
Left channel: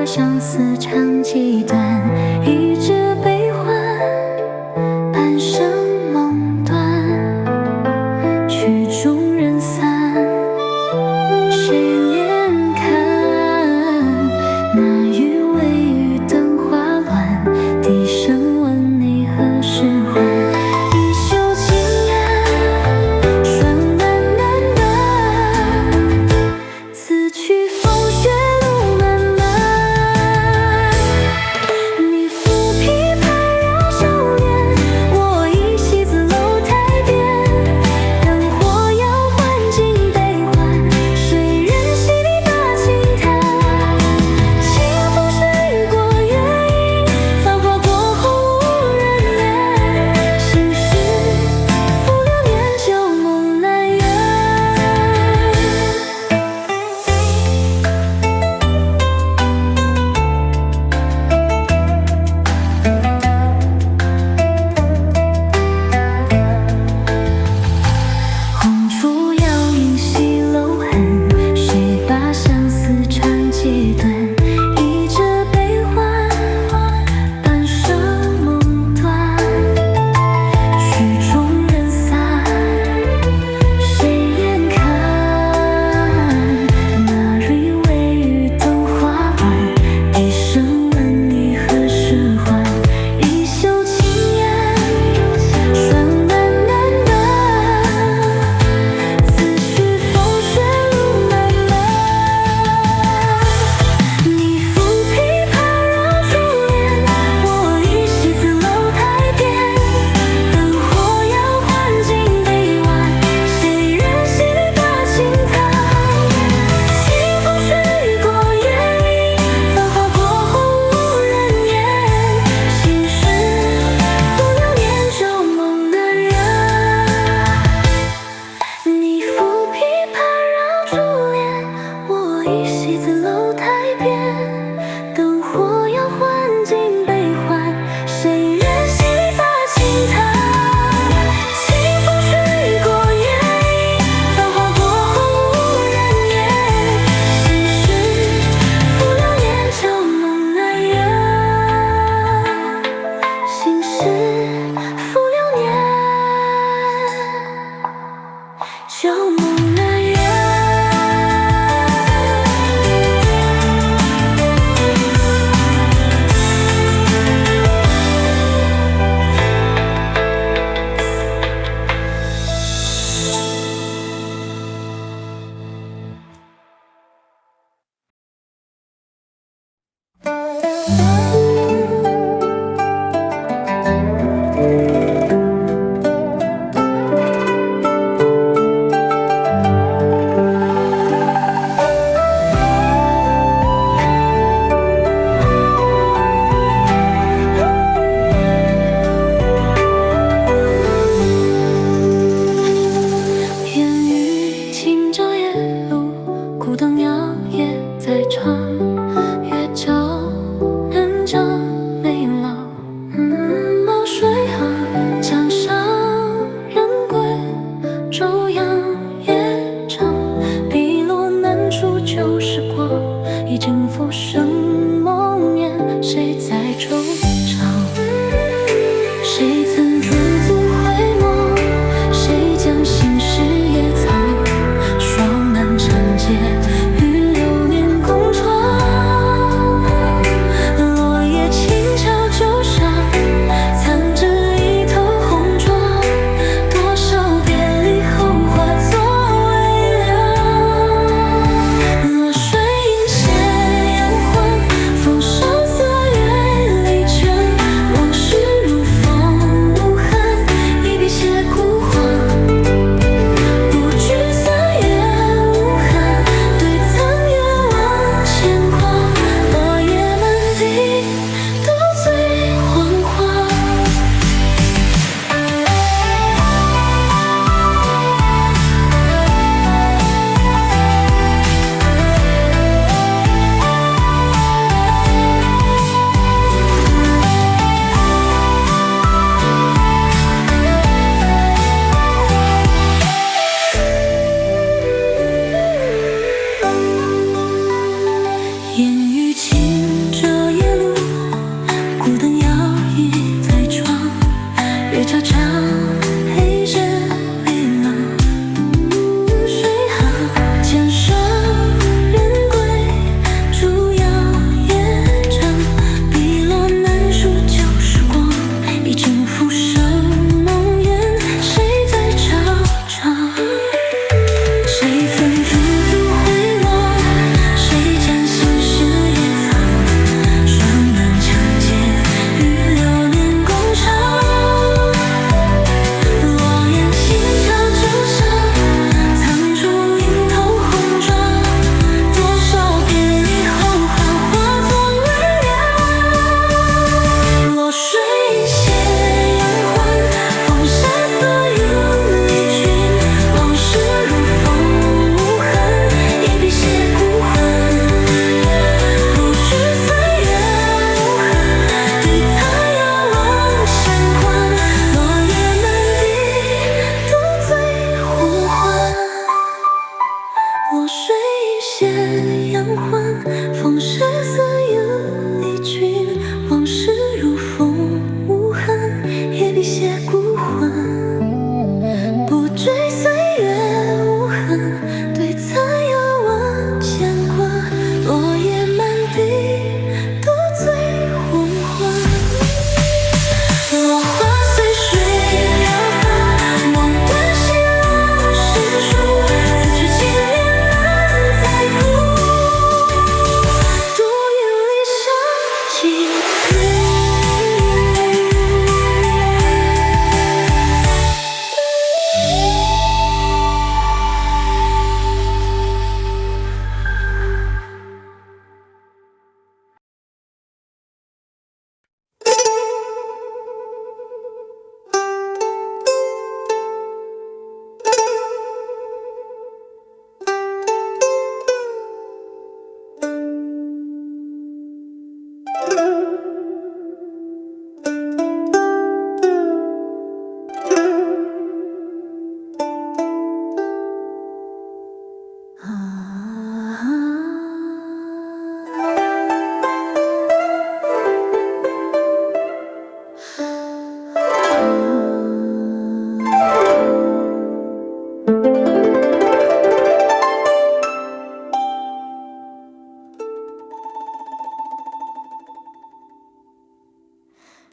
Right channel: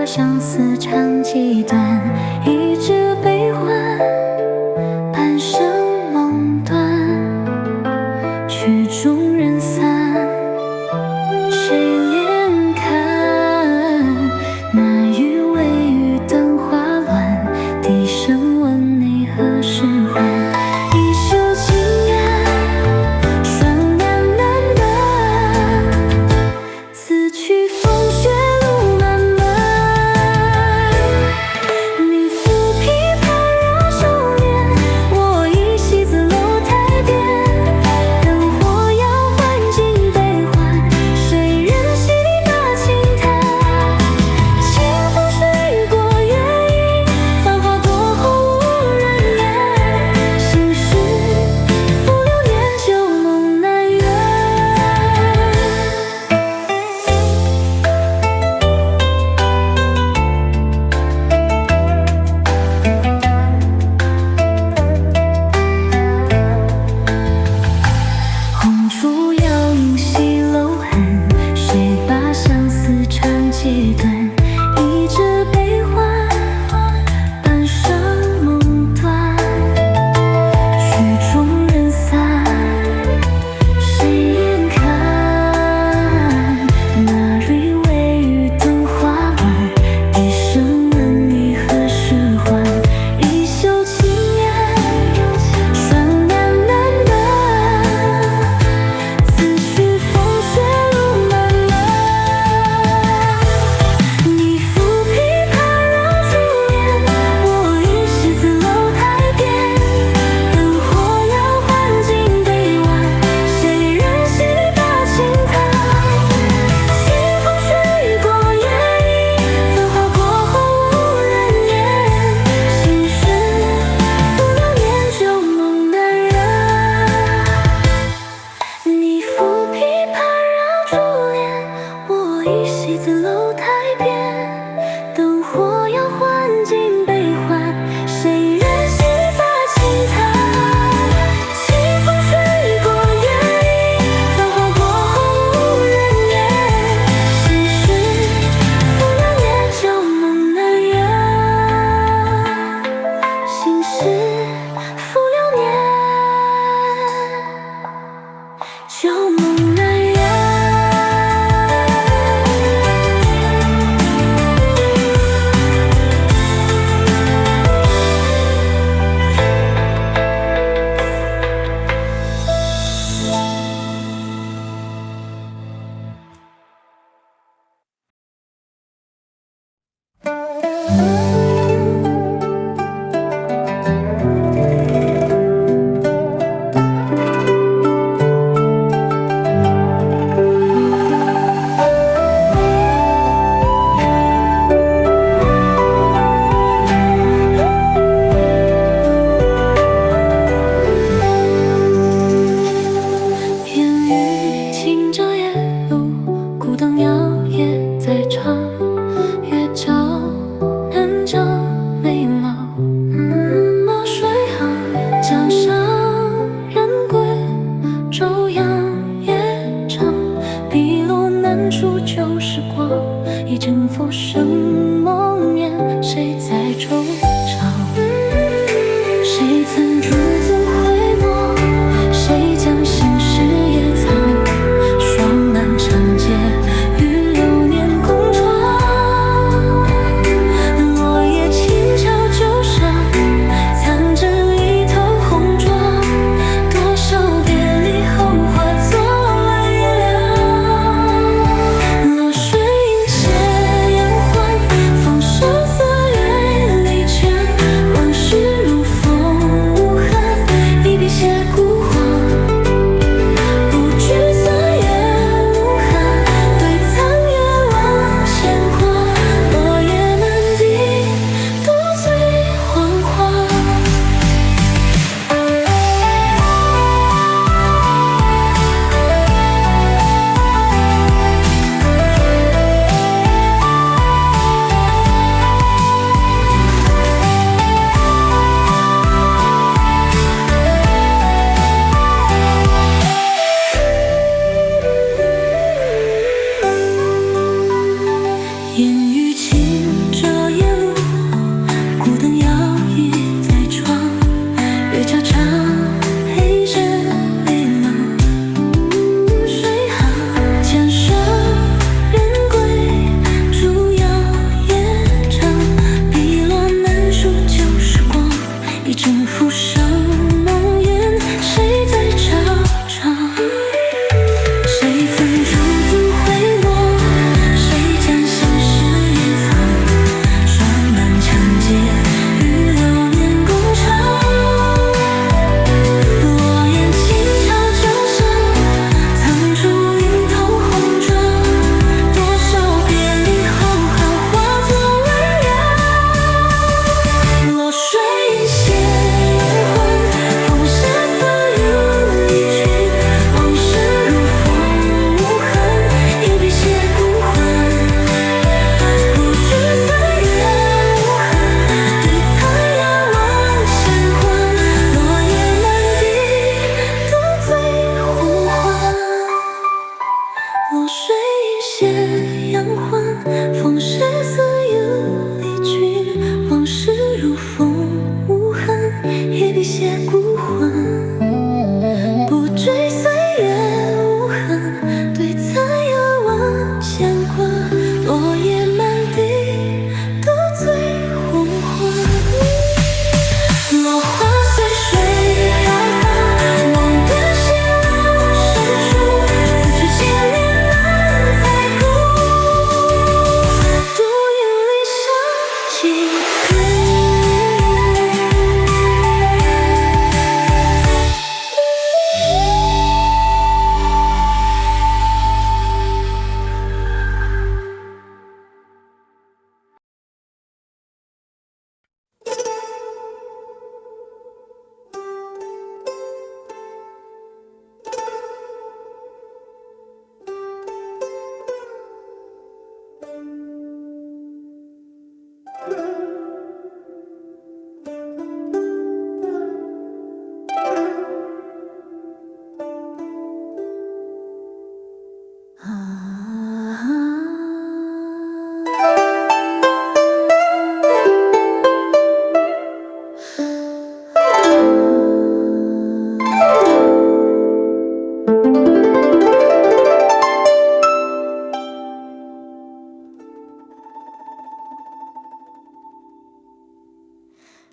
把相思长几段，一纸悲欢，半生梦断，曲终人散，谁怜看？那余微雨灯花乱，低声问你何时还？一袖轻烟，霜暖暖暖，此去风雪路漫漫。你抚琵琶绕袖帘，我倚西子楼台边。灯火摇换尽悲欢，谁人洗礼把轻弹？清风吹过月影，繁华过后无人言。心事付流年，旧梦难圆。红烛摇影西楼痕，谁把相思长几段？一纸悲欢，半生梦断，曲终人散，谁眼看？那蕊微雨灯花乱，低声问你何时还？一袖轻烟，霜暖暖暖，此去风雪路漫漫。你抚琵琶绕珠帘，我倚西子楼台边。灯火摇换尽悲欢，谁人洗礼把轻弹？清风吹过月影，繁华过后无人言。心事付流年，旧梦难圆。你抚琵琶绕珠帘，我倚西子楼台边。灯火摇换尽悲欢，谁人洗礼把轻弹？清风吹过月影，繁华过后无人言。心事付流年，旧梦难圆。心事付流年，旧梦难圆。烟雨轻遮夜路，孤灯摇曳在窗，月照难将眉老。墨水行，江上人归，昼阳夜长。碧落难处旧时光，一阵浮生梦眠，谁在惆怅？谁曾驻足回眸？谁将心事也藏？霜满长街，与流年共闯。落叶轻敲旧伤，藏着一头红妆。多少别离后化作微凉。落水映斜阳欢，风霜色月离倦。往事如风无痕，一笔写孤黄。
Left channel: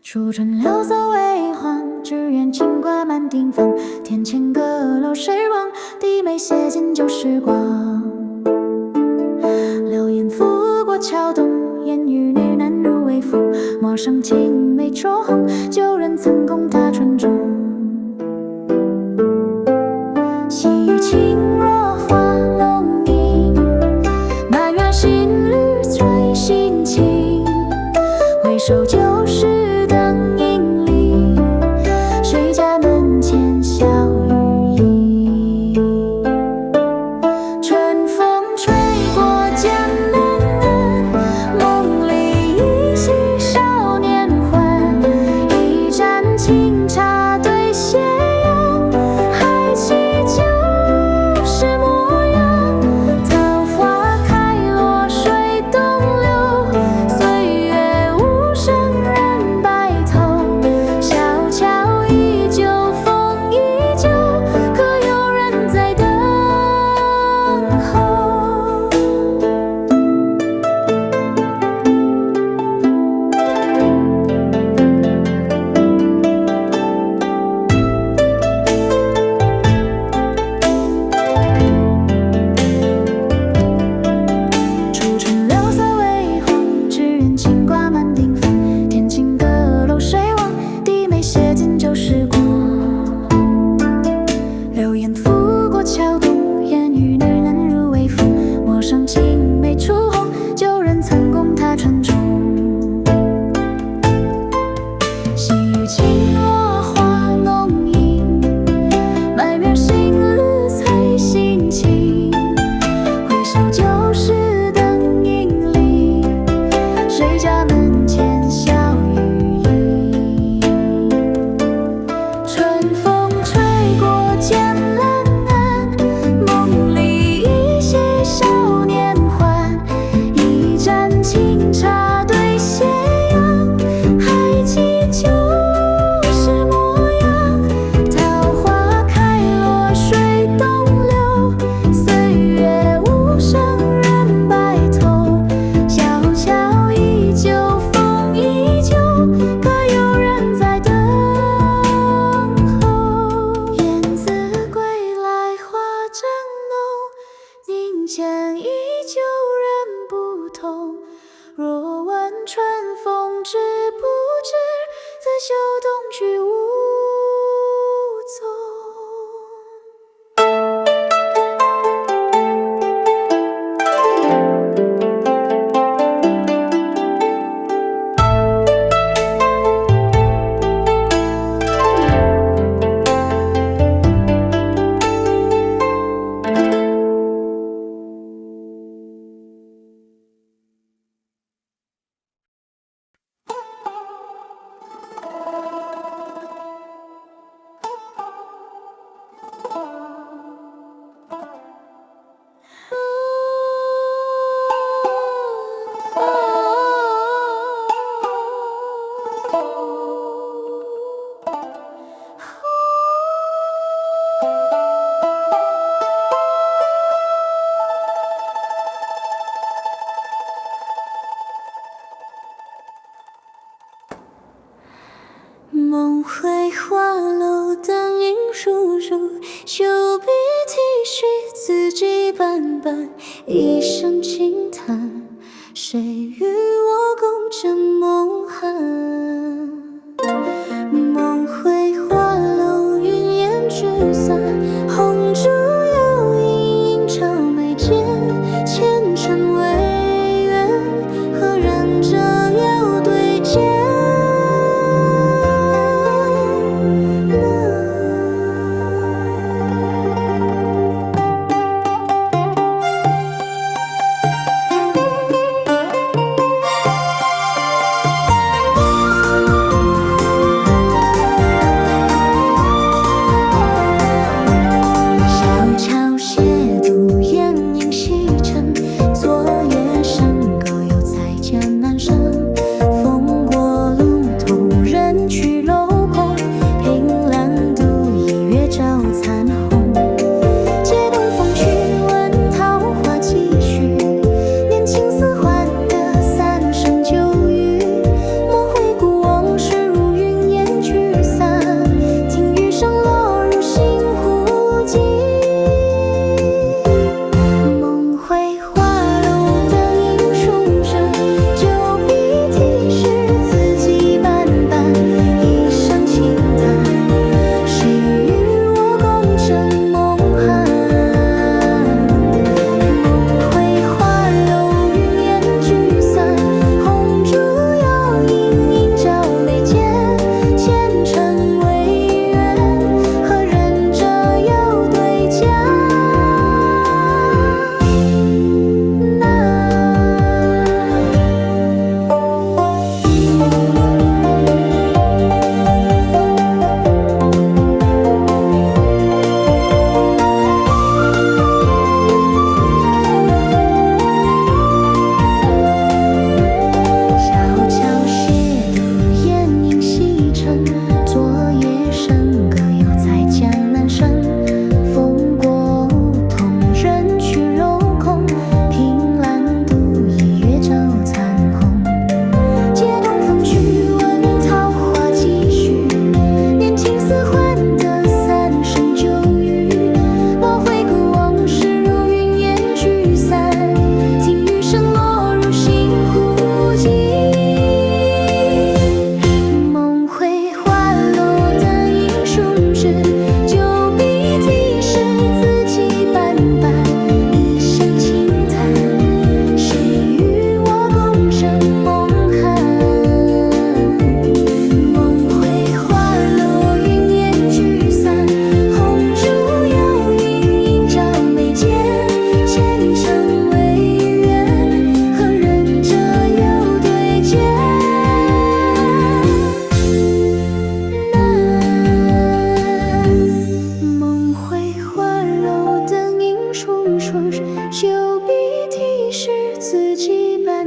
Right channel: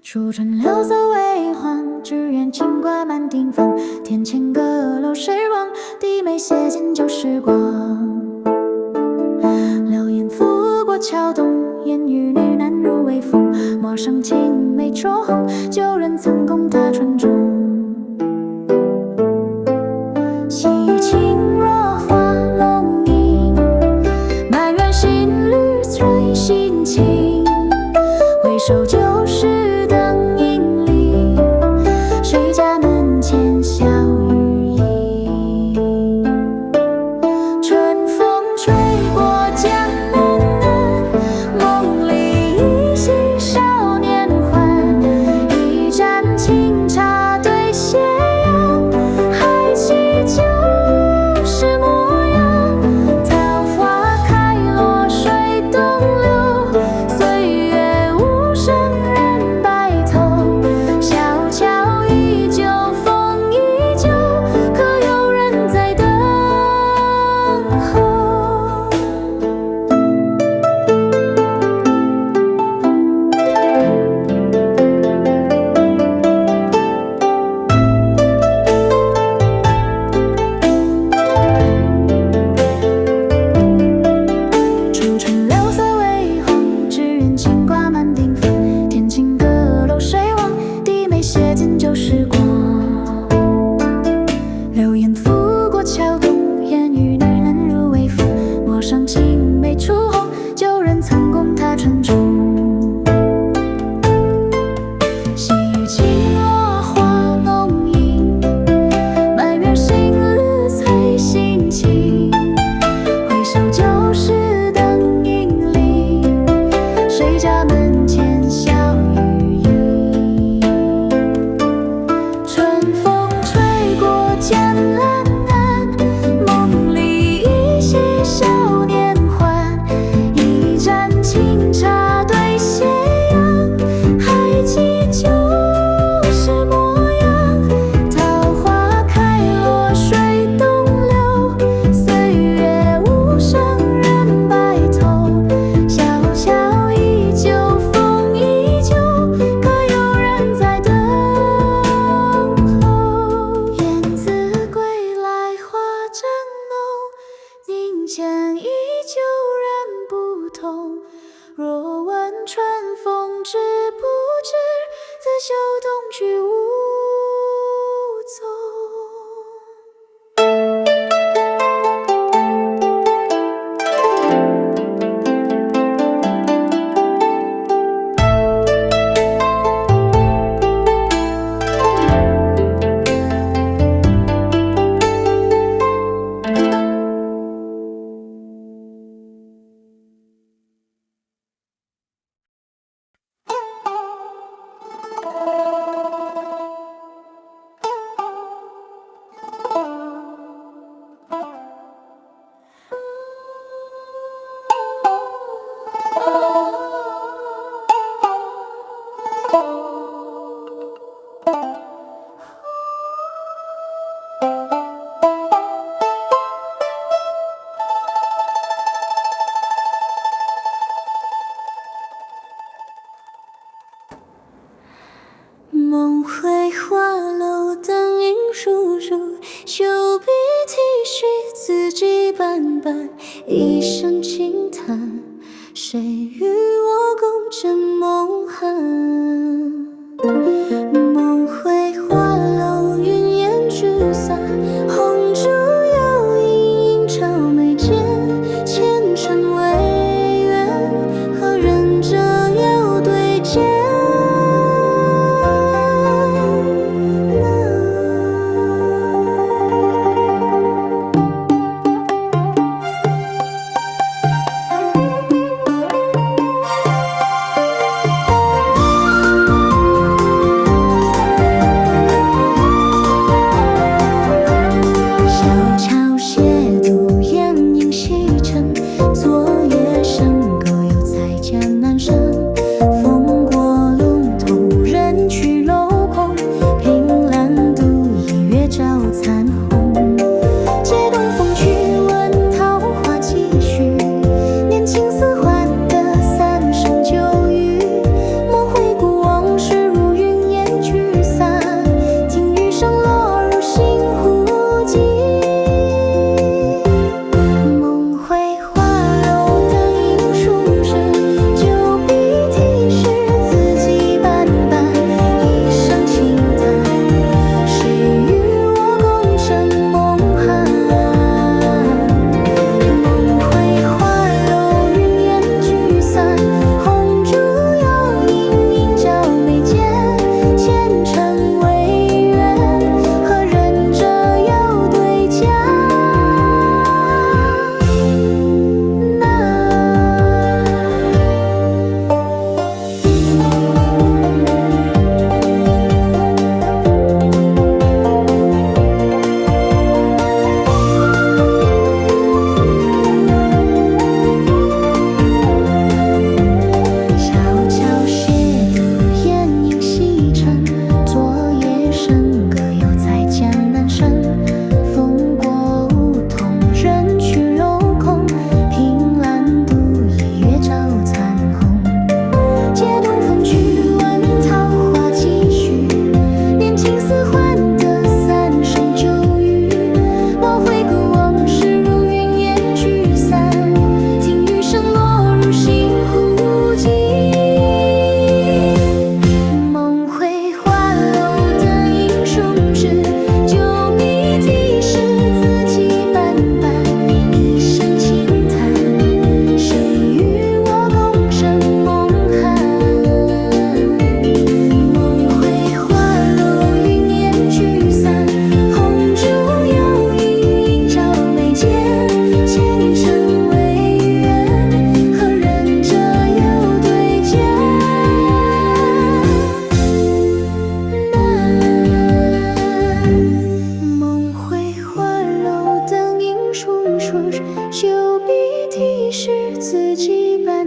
初春柳色为欢，只缘金瓜满庭芳。天前阁楼谁望？低眉斜见旧时光。流言拂过桥东，烟雨女难入微风。陌上青梅灼红，旧人曾共他船中。细雨轻若花龙吟，满园新绿催心情。回首旧时灯影里，谁家门前笑语音。春风吹过江南岸，梦里依稀少年欢。一盏清茶对斜阳，还记旧时模样。桃花开落水东流，岁月无声人白头。小桥依旧风依旧，可有人在等候。初春柳色为黄，只缘金瓜满庭芳。天前阁楼谁望？低眉斜见旧时光。流言拂过桥东，烟雨女难入微风。陌上青梅初红，旧人曾共他船中。细雨轻落花浓荫，满园新绿催心情。回首旧时灯影里，谁家门前笑语音。春风吹过江南岸，梦里依稀少年欢。一盏清茶对斜阳，还记旧时模样。桃花开落水东流，岁月无声人白头。小桥依旧风依旧，可有人在等候。燕子归来花正浓，庭前依旧人不同。若问春风知不知，自绣东去无踪。梦回花楼，灯影疏疏，袖笔提续，字迹斑斑。一声轻叹，谁与我共枕梦寒？梦回花楼，云烟聚散，红烛幽影映照眉间。前尘未缘，何人折腰对剑？青丝换得三生旧语，莫回顾往事如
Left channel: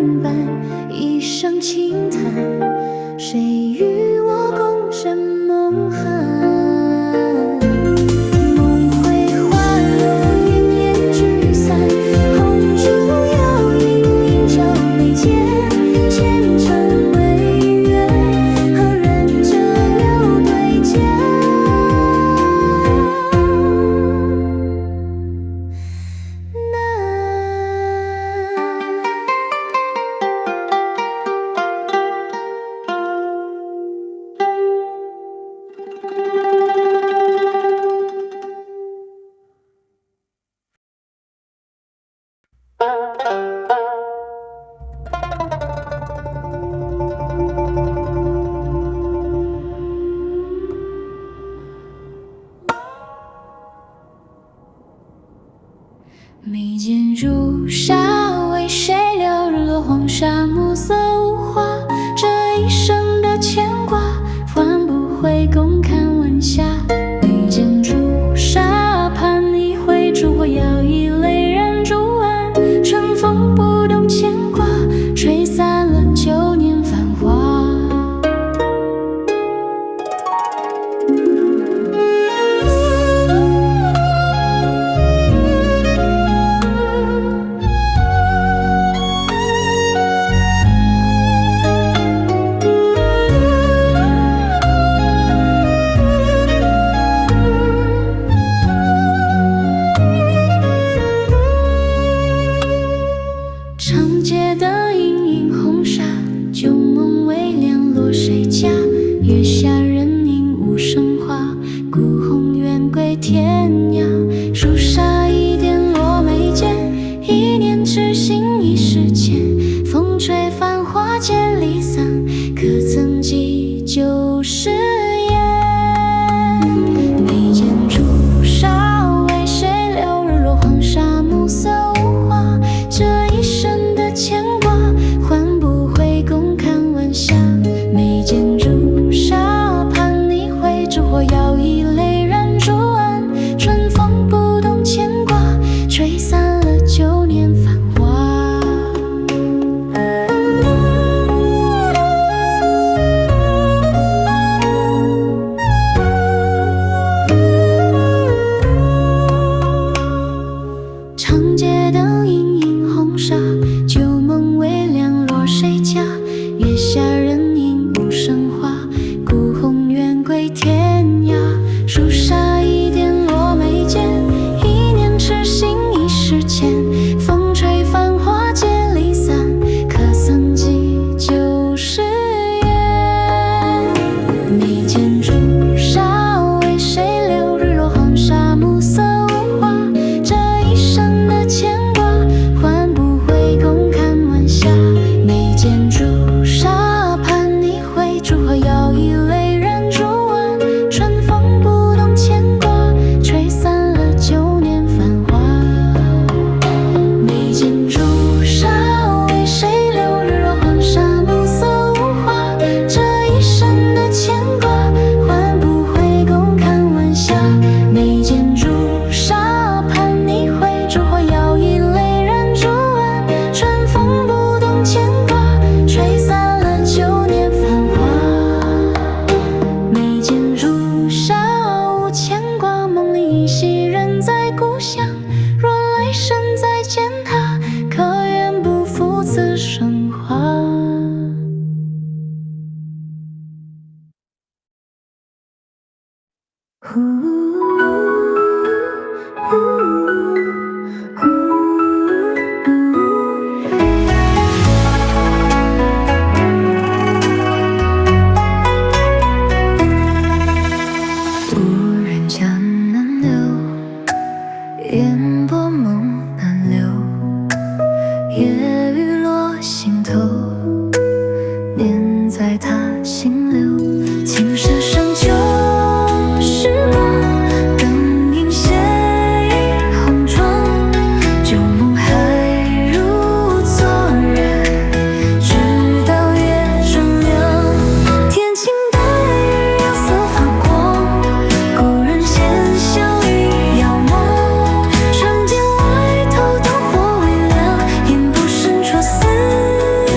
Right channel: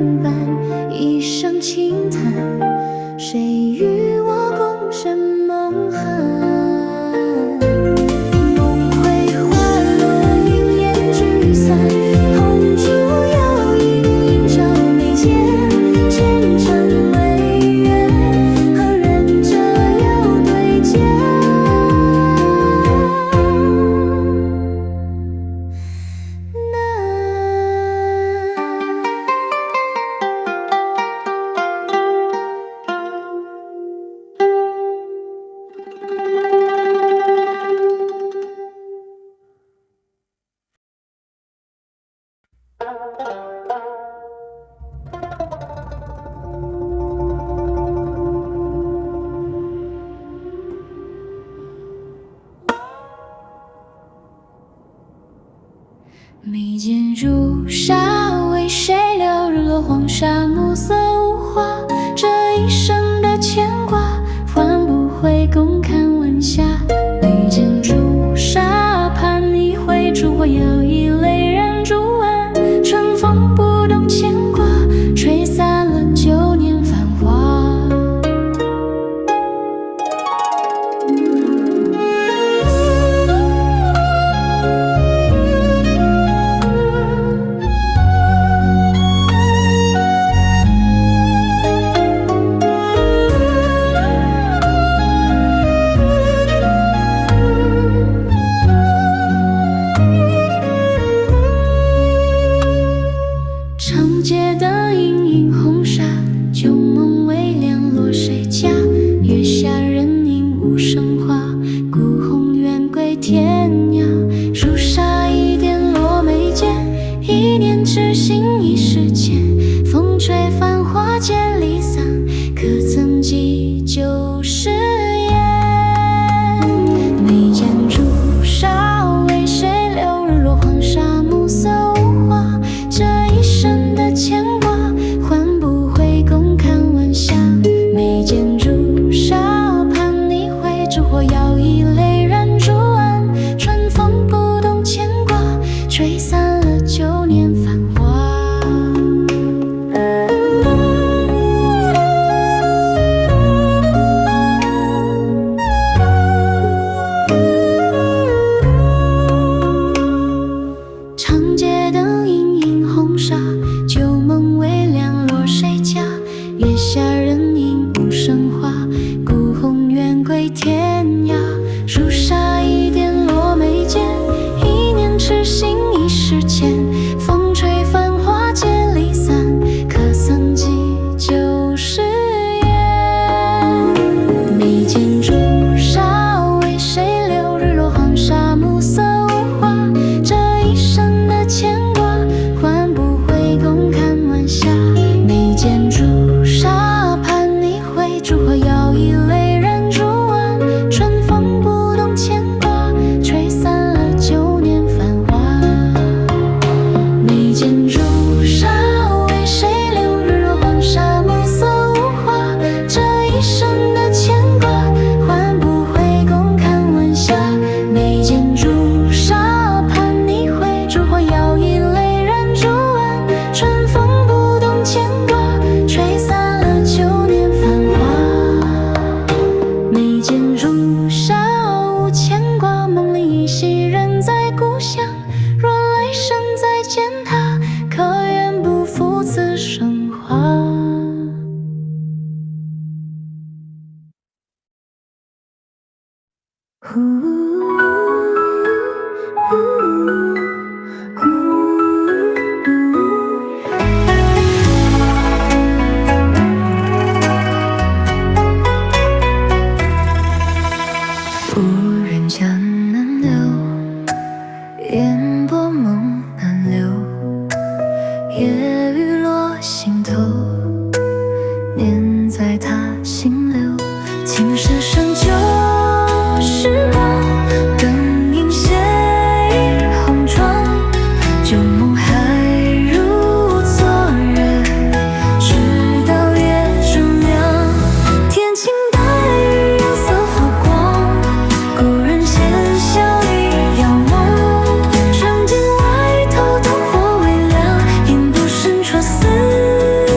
年半，一声轻叹，谁与我共枕梦寒？梦回花落，云烟聚散，红烛摇，隐隐照眉间，前尘未远，何人折又对剑？眉间朱砂，为谁留？日落黄沙，暮色无华。这一生的牵挂，换不回共看晚霞。眉间朱砂，盼你回，烛火摇曳，泪染朱岸。春风不动牵挂，吹散了旧年繁华。长街灯影映红纱，旧梦微凉落谁家？月下人影无声话，孤鸿远归天涯。朱砂一点落眉间，一念痴心一时间。风吹繁华渐离散，可曾记旧誓言？眉间朱砂，为谁留？日落黄沙，暮色无华。这一生的牵挂，换不回共看晚霞。眉间朱砂，盼你回，烛火摇曳，泪染朱岸。春风不动牵挂，吹散了旧年繁华。长街灯影映红纱，旧梦微凉落谁家？月下人影无声话，孤鸿远归天涯。朱砂一点落眉间，一念痴心一时间。风吹繁华渐离散，可曾记旧誓言？眉间朱砂，为谁留？日落黄沙，暮色无华。这一生的牵挂，换不回共看晚霞。眉间朱砂，盼你回，烛火摇曳，泪染朱岸。春风不动牵挂，吹散了旧年繁华。眉间朱砂，为谁留？日落黄沙，暮色无华。这一生的牵挂，换不回共看晚霞。眉间朱砂，盼你回，烛火摇曳，泪染朱岸。春风不动牵挂，吹散了旧年繁华。眉间朱砂，无牵挂，梦里依稀人在故乡。若来生再见他，可愿不负此生华？无人家难留，烟波梦难留。夜雨落心头，念在他心流。青蛇生旧时光，灯影斜倚红妆。旧梦还如昨日，直到夜正亮。天晴大雨，釉色发光。故人闲笑一遥望，长亭外头灯火微亮，烟波深戳思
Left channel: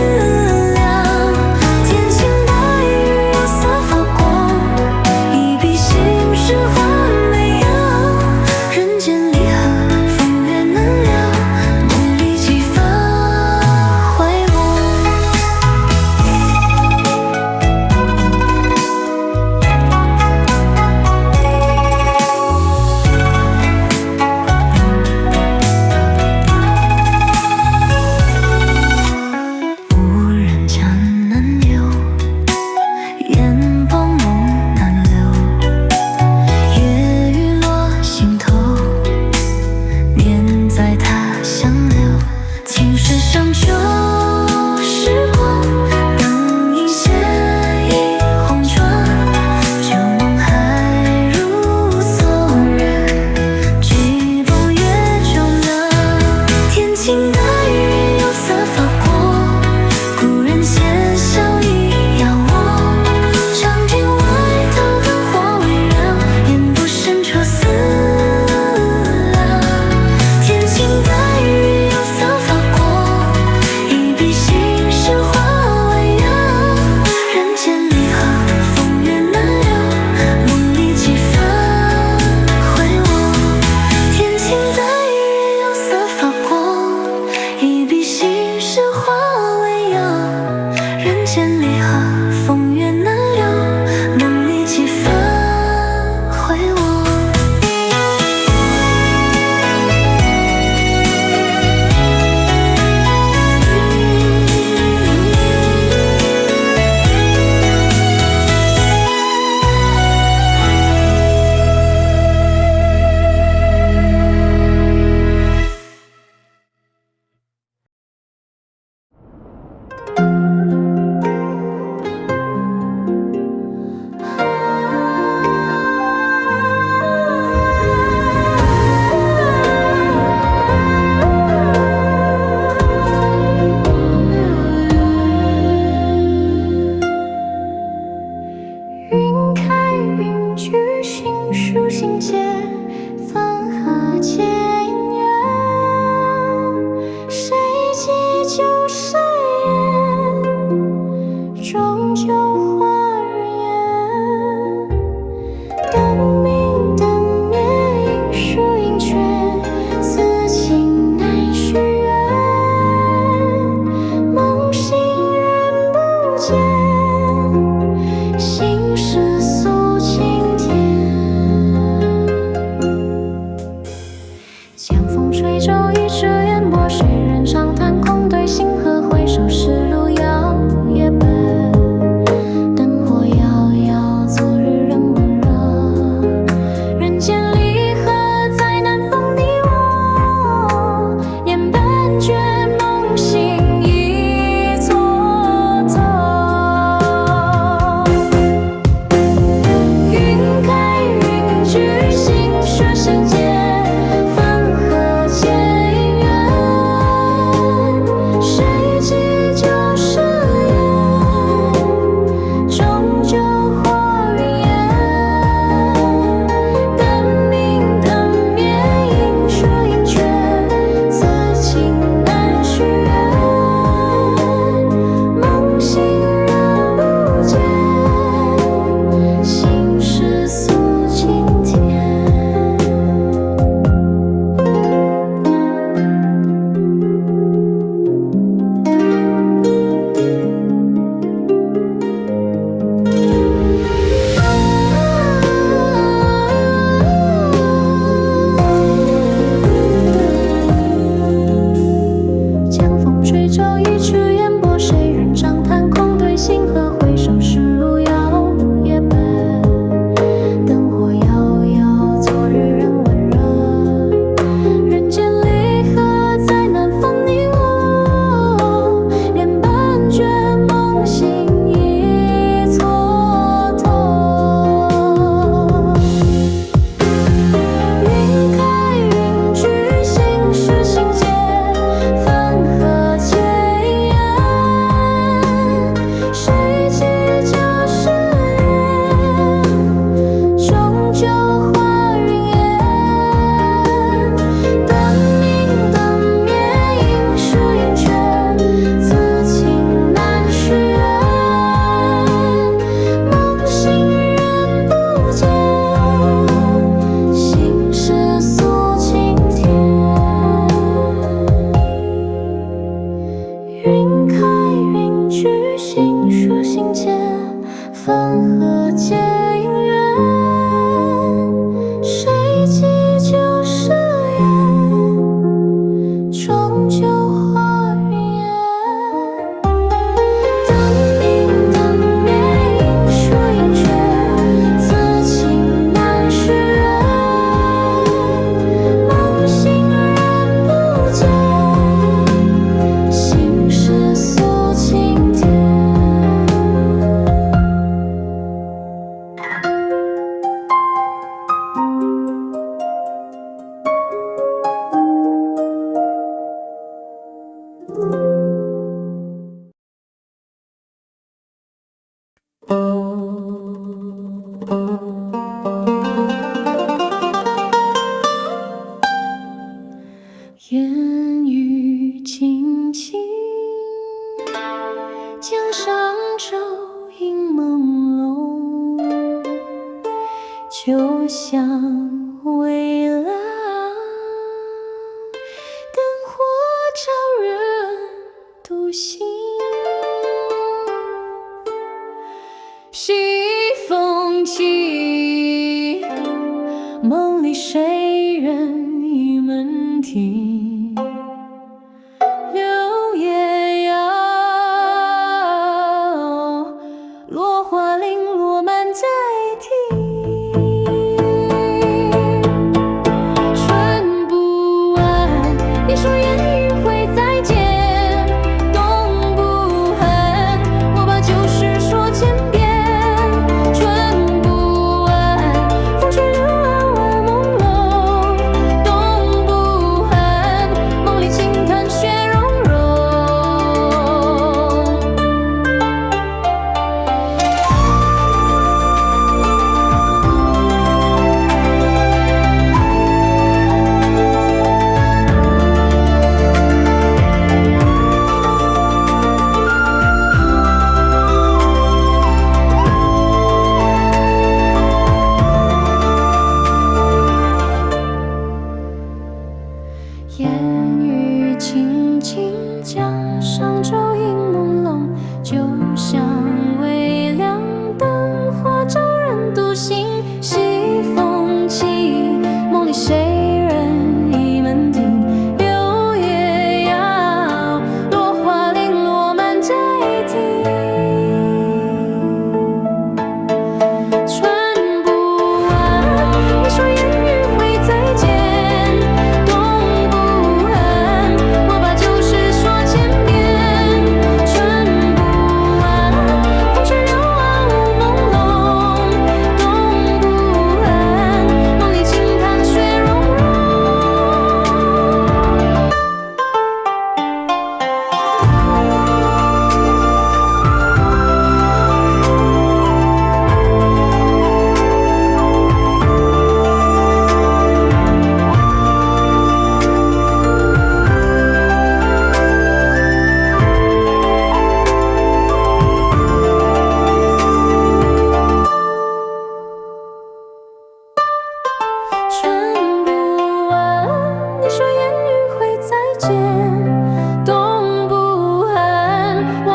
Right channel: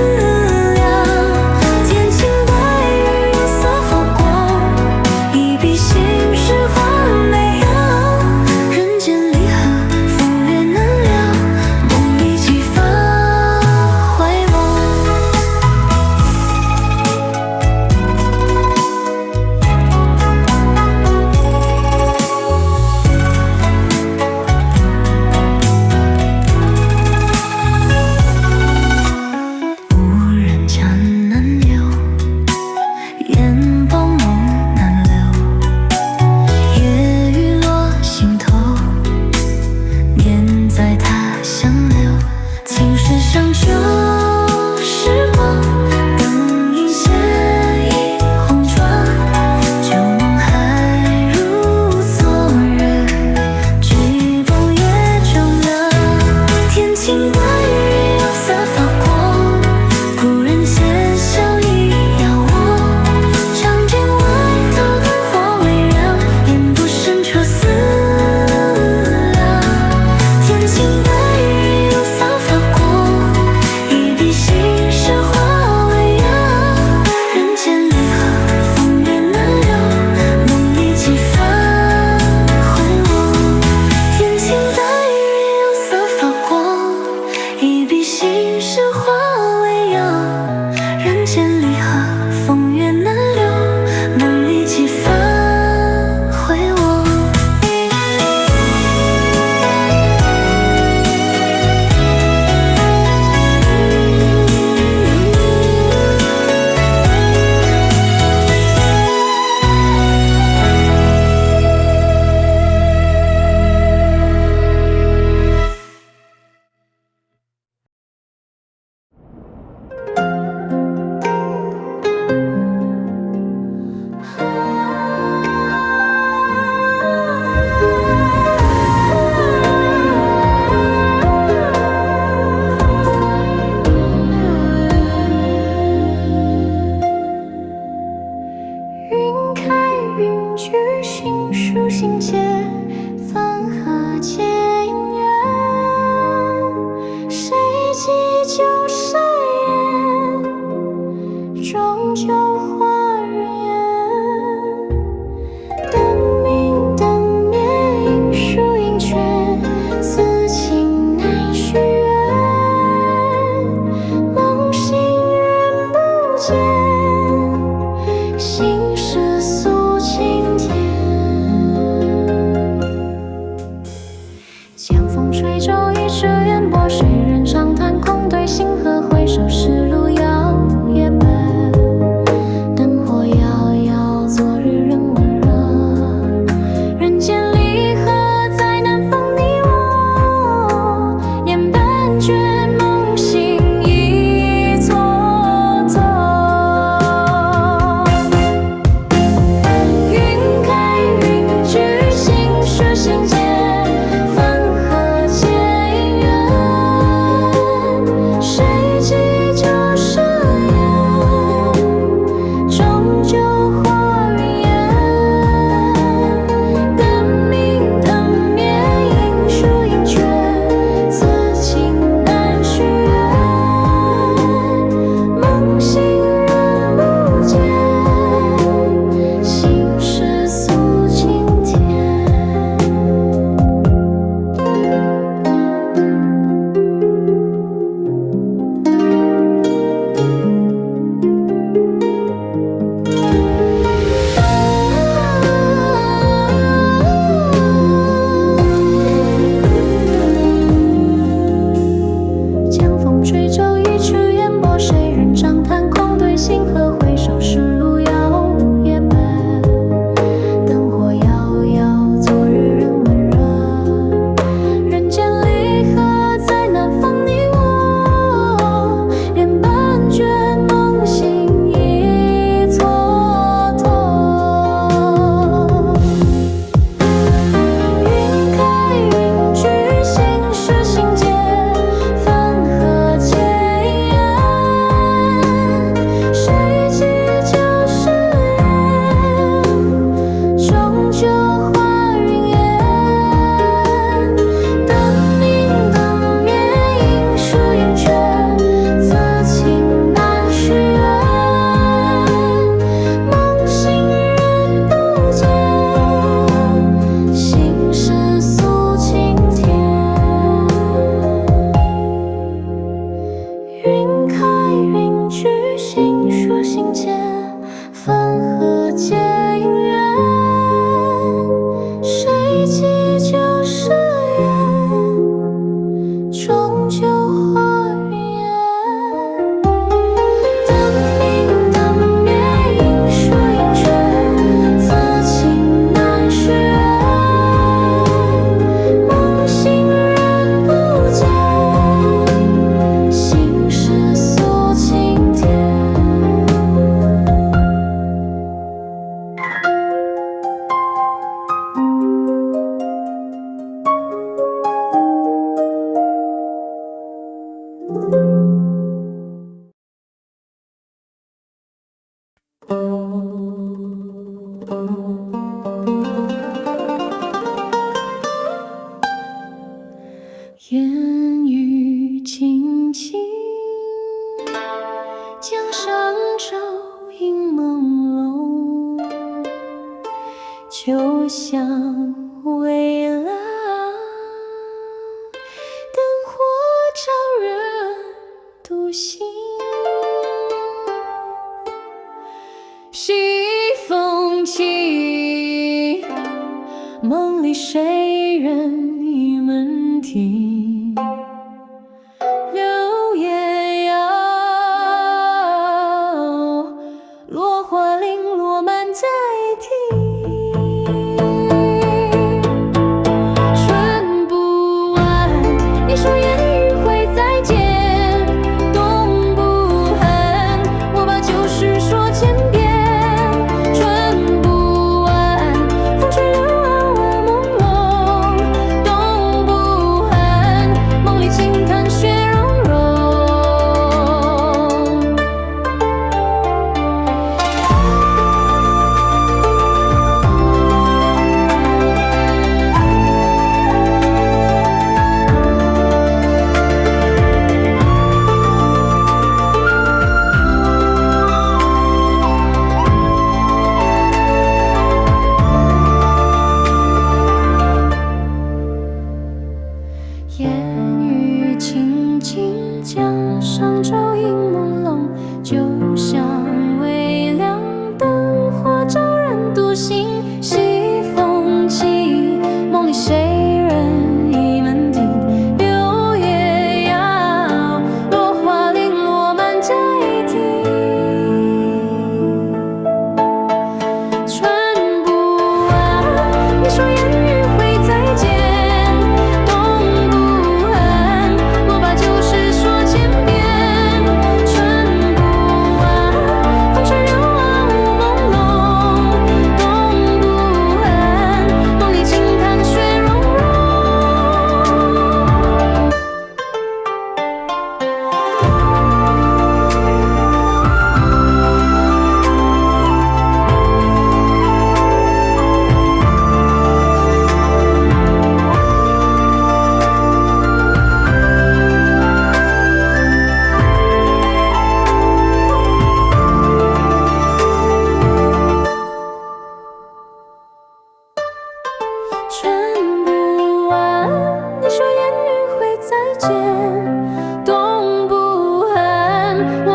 就化人烟。灯明灯灭，影疏影缺，此情难续约。梦醒人不见，心事诉青天。江风吹皱一池烟波，谁人长叹空对星河，回首是路遥也白。灯火遥遥，昨日仍温热。人间离合，再难逢你我。眼半倦，梦醒已蹉跎。云开云聚，心事心结。谁人长叹空对星河，回首是路遥也白。灯火遥遥，昨日仍温热。人间离合，再难逢你我。脸半倦，梦醒已蹉跎。云开云聚，心事心结。心结，分合皆因缘，谁寄就是缘，终究化云烟。灯明灯灭，影疏影缺，此情难续约。梦醒人不见，心事诉青天。烟雨轻轻，江上舟影朦胧，酒香微凉，灯火照人独行。西风起，梦里谁人倚门庭？柳叶摇，落花零落满在庭。春不晚，你说烟雨会再见。冬不寒，我把旧事说千遍。风吹柳暗花朦胧，冬不寒。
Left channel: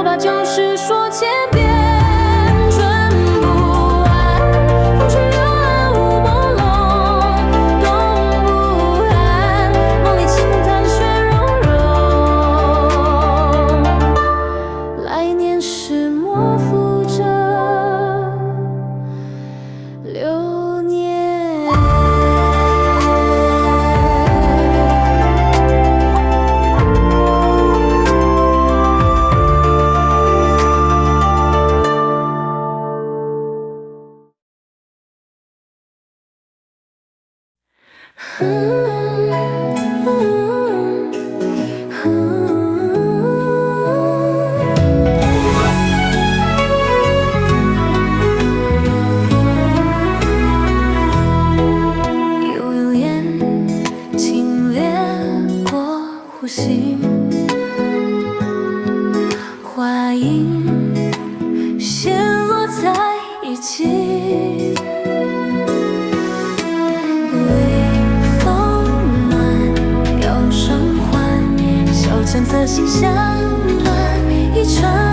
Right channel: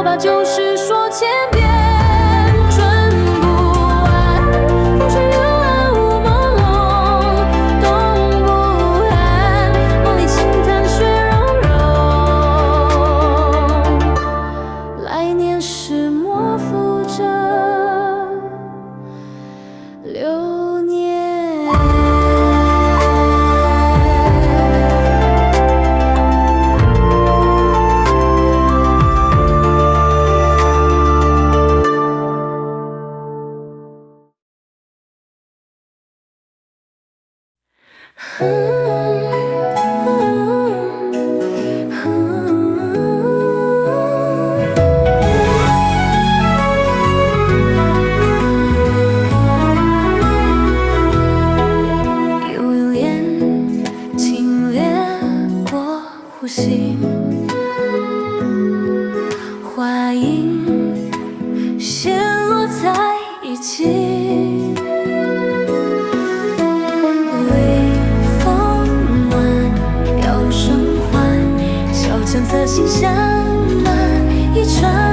把旧事说千遍，春不完，风吹柳暗雾朦胧，冬不寒，梦里轻叹雪融融。来年时莫负这流年。悠悠烟，轻掠过湖心，花影陷落在一起。微风暖，摇声唤，小巷侧心香暖，一船。